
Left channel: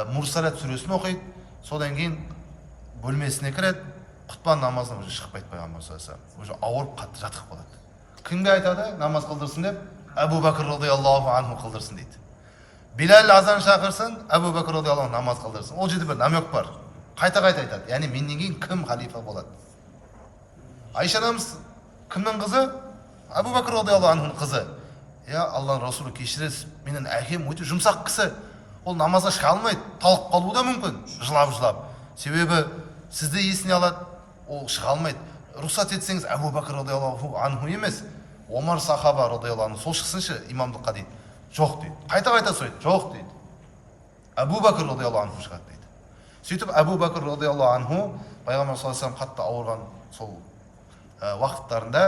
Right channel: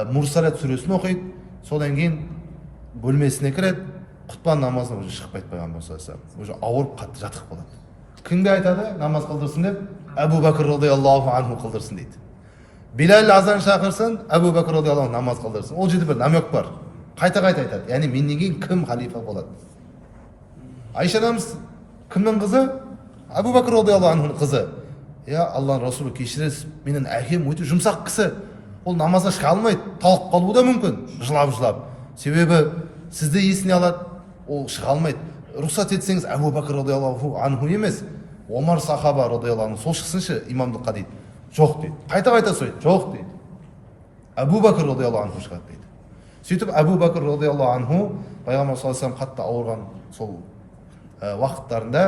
Мурсалат сүресін оқиды, содан кейін бөлмесіне кіреді, құтпа намазына уже шықпайды пайғамбар саллаллаху алейхи вассалам. Уже ауырып қатты жатып қалады. Кімге айтады намаз қылдырсын деп? Әбу Бәкір радиаллаху анху қылдырсын дейді. Билал азан шақырсын, Әбу Бәкір радиаллаху анху намаз қылдырсын. Ол жерде бір намек бар. Қайта-қайта айтады. Яғни менен кейін кім халифа болады? Айша анамыз кімнің қызы? Әбу Бәкір радиаллаху анхудың қызы. Я Алланың Расулы, кешіресіз, менің әкем өте жұмсақ кісі. Ол намазға шыға алмайды, талып қалуы да мүмкін, жылап-жылап. себебі сізді есіне алады, ол шыға алмайды. Рұқсат етсеңіз Әбу Бәкір радиаллаху анху емес, Омар сахаба радиаллаху анху, сол шықсыншы имамдыққа дейді. Жоқ дейді. Қайта сөйлейді. Жоқ дейді. Әбу Бәкір радиаллаху анху шығады дейді. Сөйтіп Әбу Бәкір радиаллаху анху пайғамбар саллаллаху алейхи вассалам қатты ауырған сол уақыттарында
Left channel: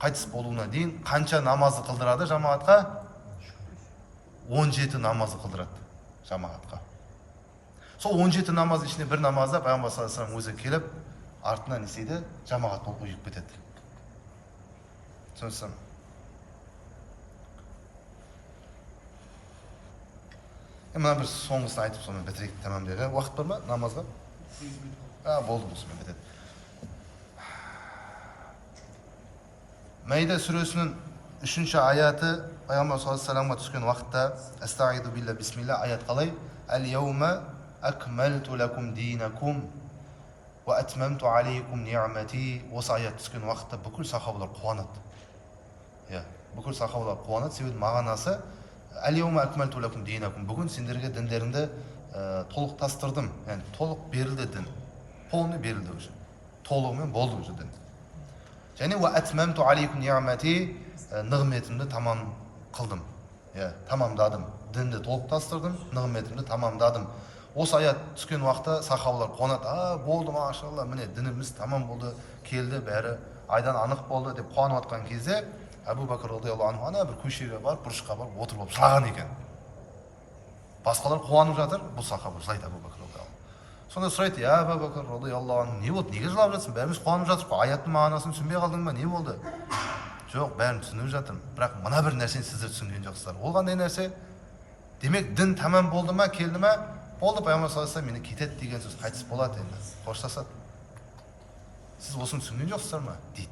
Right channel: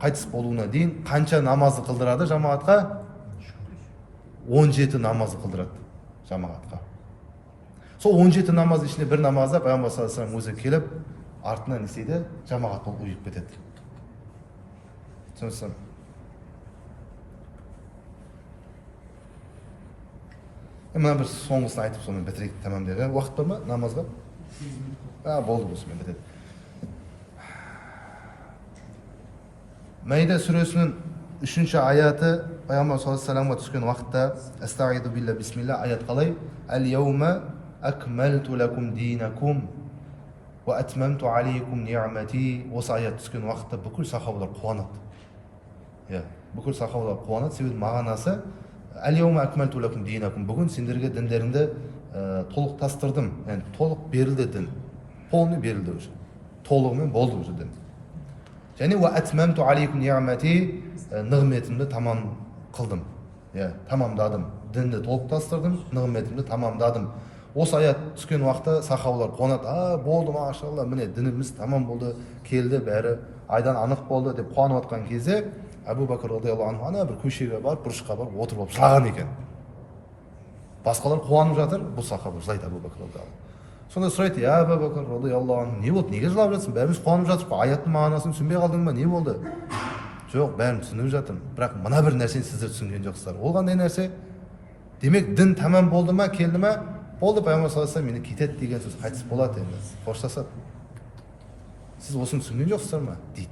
қайтыс болуына дейін қанша намазды қылдырады жамағатқа? 17 намазды қылдырады жамағатқа. Сол 17 намаз ішінде бір намазда пайғамбар саллаллаху алейхи вассалам өзі келіп артынан не істейді? Жамағат болып ұйып кетеді. Түсінсің? Мына бір соңғысын айтып соны бітірейік, тамам деді. Уақыт бар ма намазға? Болды, осымен бітеді. Мәйда сүресінің 3-ші аяты пайғамбар саллаллаху алейхи вассаламға түскен уақытта Астағиду билля бисмилля аят қалай? Әл-яума акмалту лакум динакум ва атмамту алейкум ниъмати. Осы аят түскен уақытта бүкіл сахабалар қуанады. Бүкіл сахабалар қуанады, себебі мағынасы Әл-яума акмалту лакум динакум. Бүгін сендерге діндеріңді толықтастырдым, яғни толық берілді дін. Полный берілді уже. Толығымен болды уже дін. Және ва атмамту алейкум ниъмати, нығметімді тамам қылдым. Тамамдадым. Дінді толықтастырдым, нығметімді тамамдадым. Осы аят түскен уақытта сахабалар қуанады. Болды, машалла, міне дініміз тамам болды, келді, бәрі айдан анық болды деп қуанып жатқан кезде Әбу Бәкір радиаллаху анху ана бір көшеге барып, бұрышқа барып отырып алып жылаған екен. Басқалар қуанып жатыр, бұл сахаба жылайды Әбу Бәкір радиаллаху анху. Сонда сұрайды: "Я Әбу Бәкір радиаллаху анху, не болды? Неге жылап жатсың? Бәріміз қуанып жатырмыз ғой. Аяттың мағынасын түсінбей қалдың ба? Не болды?" "Жоқ, бәрін түсініп жатырмын. Бірақ мына бір нәрсені сіздер түсінген жоқсыздар." "Ол қандай нәрсе?" "Демек, дін тамам болды ма, келді ма?" "Болды, пайғамбар саллаллаху алейхи вассалам мені кетеді деген сөз, қайтыс болады енді, қоштасады. Сіз осыны түсінген жоқсыздар ма?" дейді.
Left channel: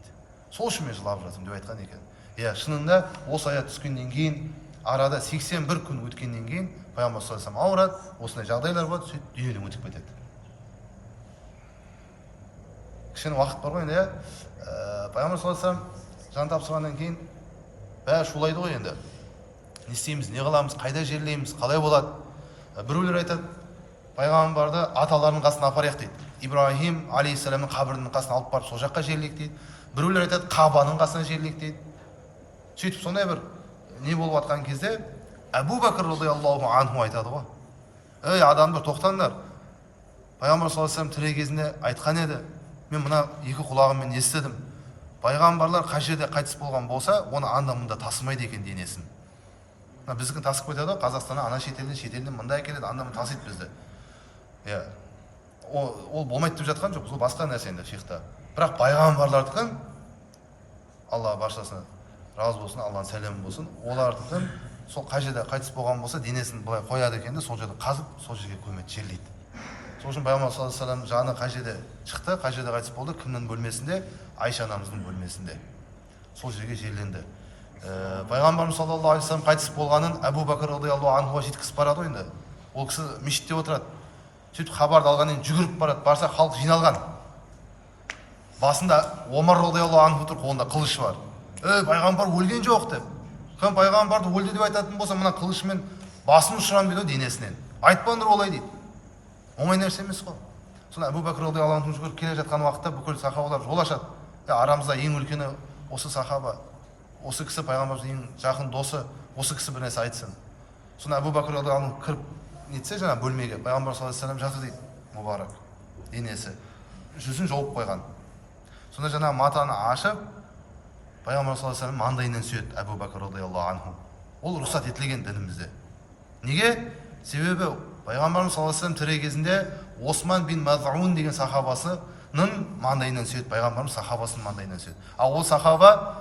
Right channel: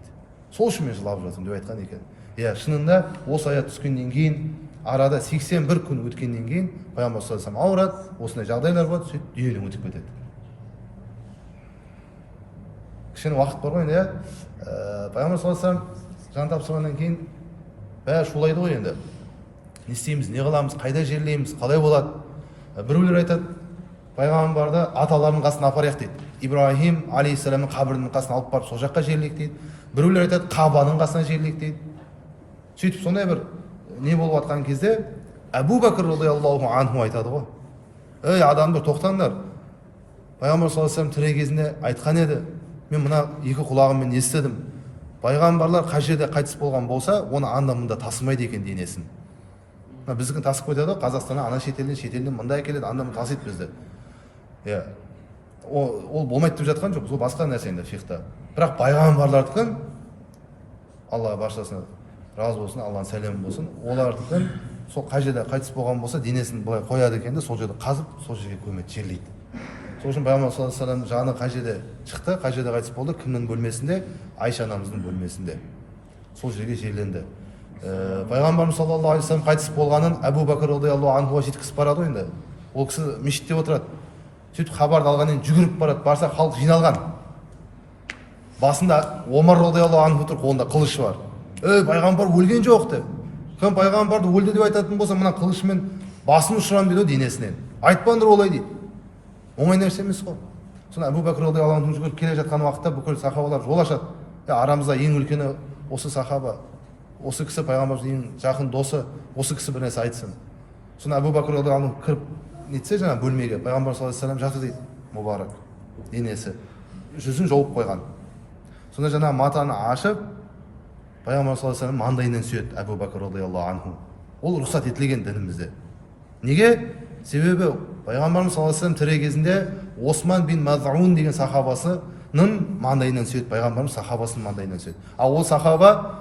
"Сол үшін мен жылап жатырмын" деп айтқан екен. Шынында осы аят түскеннен кейін, арада 81 күн өткеннен кейін пайғамбар саллаллаху алейхи вассалам ауырады, осындай жағдайлар болады, сөйтіп дүниеден өтіп кетеді. Кішкене уақыт бар ғой енді, пайғамбар саллаллаху алейхи вассалам жан тапсырғаннан кейін бәрі шулайды ғой енді. Не істейміз, не қыламыз, қайда жерлейміз, қалай болады? Біреулер айтады, пайғамбарды аталарының қасына апарайық дейді. Ибраһим алейхиссаламның қабірінің қасына алып барып сол жаққа жерлейік дейді. Біреулер айтады, Қабаның қасына жерлейік дейді. Сөйтіп сондай бір не болып жатқан кезде Әбу Бәкір радиаллаху анху айтады ғой: "Ей адамдар, тоқтаңдар. Пайғамбар саллаллаху алейхи вассалам тірі кезінде айтқан еді, мен мына екі құлағыммен естідім. Пайғамбарлар қай жерде қайтыс болған болса, оны анда-мұнда тасымайды екен денесін. Біздікін тасып кетеді ғой, Қазақстаннан ана шетелден мында әкеледі, анда-мұнда тасиды бізді." Ол болмайды деп жатқан жоқ, сол басқа нәрсе енді фихта. Бірақ пайғамбарлардікін, Алла баршасына разы болсын, Алланың сәлемі болсын, олардікін сол қай жерде қайтыс болған болса, денесін былай қояды екен де, сол жерде қазып, сол жерге көмеді, жерлейді. Сол үшін пайғамбар саллаллаху алейхи вассалам жаны қай жерде шықты, қай жерде қайтыс болды, кімнің бөлмесінде? Айша анамыздың бөлмесінде. Сол жерге жерленді. Пайғамбарымыз саллаллаху алейхи вассалам қайтыс болғанын Әбу Бәкір радиаллаху анхуға жеткізіп барады ғой енді. Ол кісі мешітте отырады. Сөйтіп хабарды алғаннан жүгіріп барады, барса халық жиналған. Басында Омар радиаллаху анху тұр, қолында қылышы бар. Пайғамбар өлген жоқ деп. Кім пайғамбарды өлді деп айтатын болса, мына қылышымен басын ұшырамын дейді денесінен. Айтпаңдар олай дейді. Оңай нәрсе емес қой. Сонда Әбу Бәкір радиаллаху анху жүгіріп келе жатқан уақытта бүкіл сахабалар жол ашады. Арамызда ең үлкені осы сахаба, осы кісі пайғамбардың ең жақын досы, осы кісі бір нәрсе айтсын. Сонда Әбу Бәкір радиаллаху анху кіріп нетсе жаңа бөлмеге, пайғамбар саллаллаху алейхи вассалам жатыр дейді, мұбарак денесі, жүзін жауып қойған. Сонда жаңа матаны ашып, пайғамбар саллаллаху алейхи вассалам маңдайынан сүйеді Әбу Бәкір радиаллаху анху. Ол рұқсат етілген дінімізде. Неге? Себебі пайғамбарымыз саллаллаху алейхи вассалам тірі кезінде Осман бин Мазъун деген сахабасының маңдайынан сүйеді, пайғамбарымыз сахабасының маңдайынан сүйеді. Ал ол сахаба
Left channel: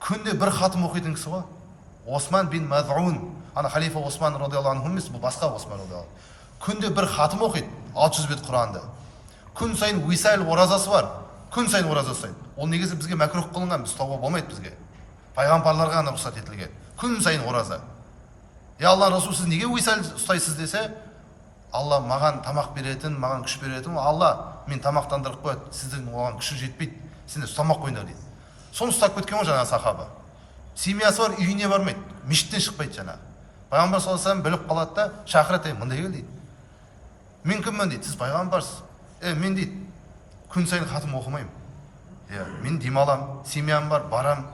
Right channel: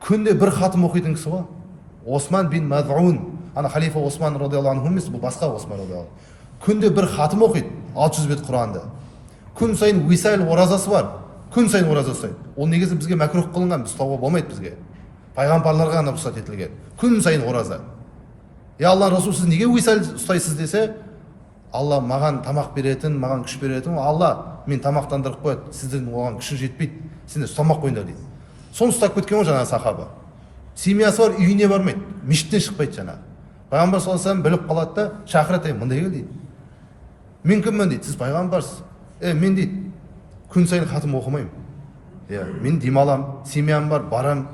күнде бір хатым оқитын кісі ғой. Осман бин Мазъун, ана халифа Осман радиаллаху анху емес, бұл басқа Осман радиаллаху анху. Күнде бір хатым оқиды, 600 бет Құранды. Күн сайын висал оразасы бар. Күн сайын ораза ұстайды. Ол негізі бізге мәкрух қылынған, біз ұстауға болмайды бізге. Пайғамбарларға ғана рұқсат етілген. Күн сайын ораза. Алла Расул, сіз неге висал ұстайсыз десе, Алла маған тамақ беретін, маған күш беретін, Алла мен тамақтандырып қояды, сіздің оған күші жетпейді, сендер ұстамақ қойыңдар дейді. Соны ұстап кеткен ғой жаңағы сахаба. Семьясы бар, үйіне бармайды, мешіттен шықпайды жаңағы. Пайғамбар саллаллаху алейхи вассалам біліп қалады да, шақырады, мында кел дейді. мен кіммін дейді, сіз пайғамбарсыз. Мен дейді, күн сайын хатым оқымаймын. Мен демаламын, семьям бар, барам.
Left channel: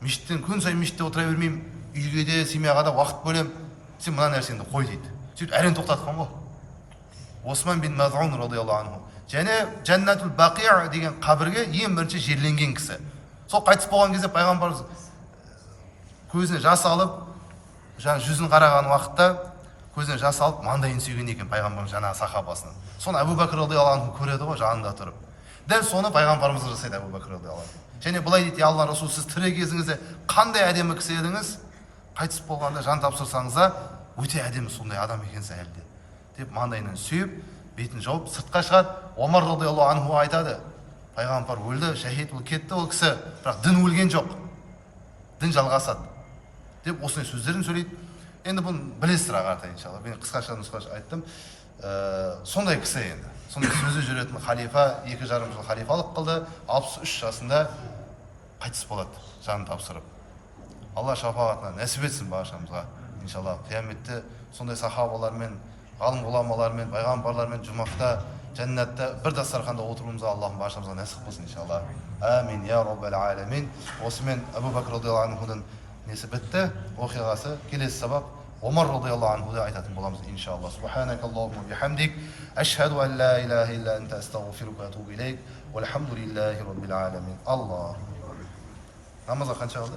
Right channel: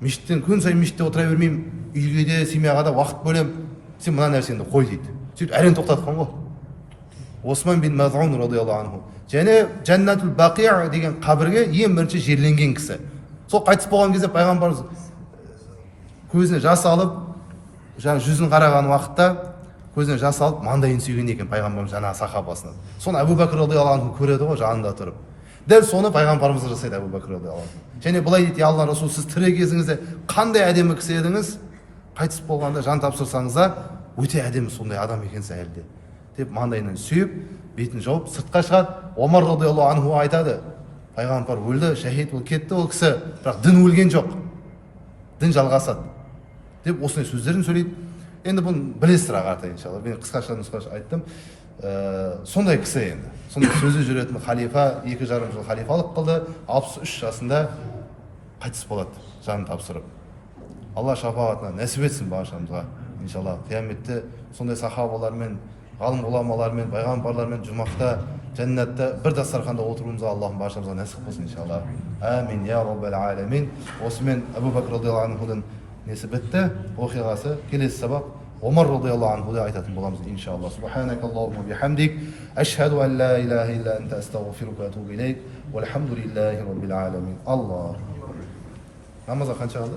Мешіттен күн сайын мешітте отыра бермеймін, үйге де семьяға да уақыт бөлем. Сен мына нәрсеңді қой дейді. Сөйтіп әрең тоқтатқан ғой. Осман бин Маз'ун радиаллаху анху. Және Жаннатул Бақия деген қабірге ең бірінші жерленген кісі. Сол қайтыс болған кезде пайғамбарымыз көзіне жас алып, жүзін қараған уақытта көзіне жас алып, маңдайын сүйген екен пайғамбарымыз жаңағы сахабасынан. Соны Абу Бәкір радиаллаху анху көреді ғой жанында тұрып. Дәл соны пайғамбарымыз жасайды Абу Бәкір радиаллаху анху. Және былай дейді, я Алла Расул, сіз тірі кезіңізде қандай әдемі кісі едіңіз, қайтыс болғанда жан тапсырсаңыз да өте әдемі сондай адам екенсіз әлі де деп маңдайынан сүйіп, бетін жауып сыртқа шығады. Омар радиаллаху анху айтады, пайғамбар өлді, шахид ол кетті ол кісі, бірақ дін өлген жоқ, дін жалғасады деп осындай сөздерін сөйлейді. Енді бұны білесіздер ағарта иншалла. Мен қысқаша айттым. Сондай кісі енді. Сондай сөзі жүретін халифа, 2,5 жыл халифалық қылды, 63 жасында қайтыс болады, жанын тапсырып. Алла шапағатына нәсіп етсін баршамызға иншалла. Қияметте сондай сахабалармен, ғалым ғұламалармен, пайғамбарлармен жұмақта, жәннатта бір дастарханда отыруымызға Аллахым баршамызға нәсіп қылсын иншалла. Амин я раббал аламин. Осымен Абу Бәкір радиаллаху анхудың несі бітті, оқиғасы. Келесі сабақ Омар радиаллаху анхуды айтатын боламыз иншалла. Субханакаллахумма бихамдик, ашхаду ан ла илаха илля анта, астағфирука ва атубу илейк, валхамдулиллахи раббил аламин. Аллах. Намазға қанша қалды?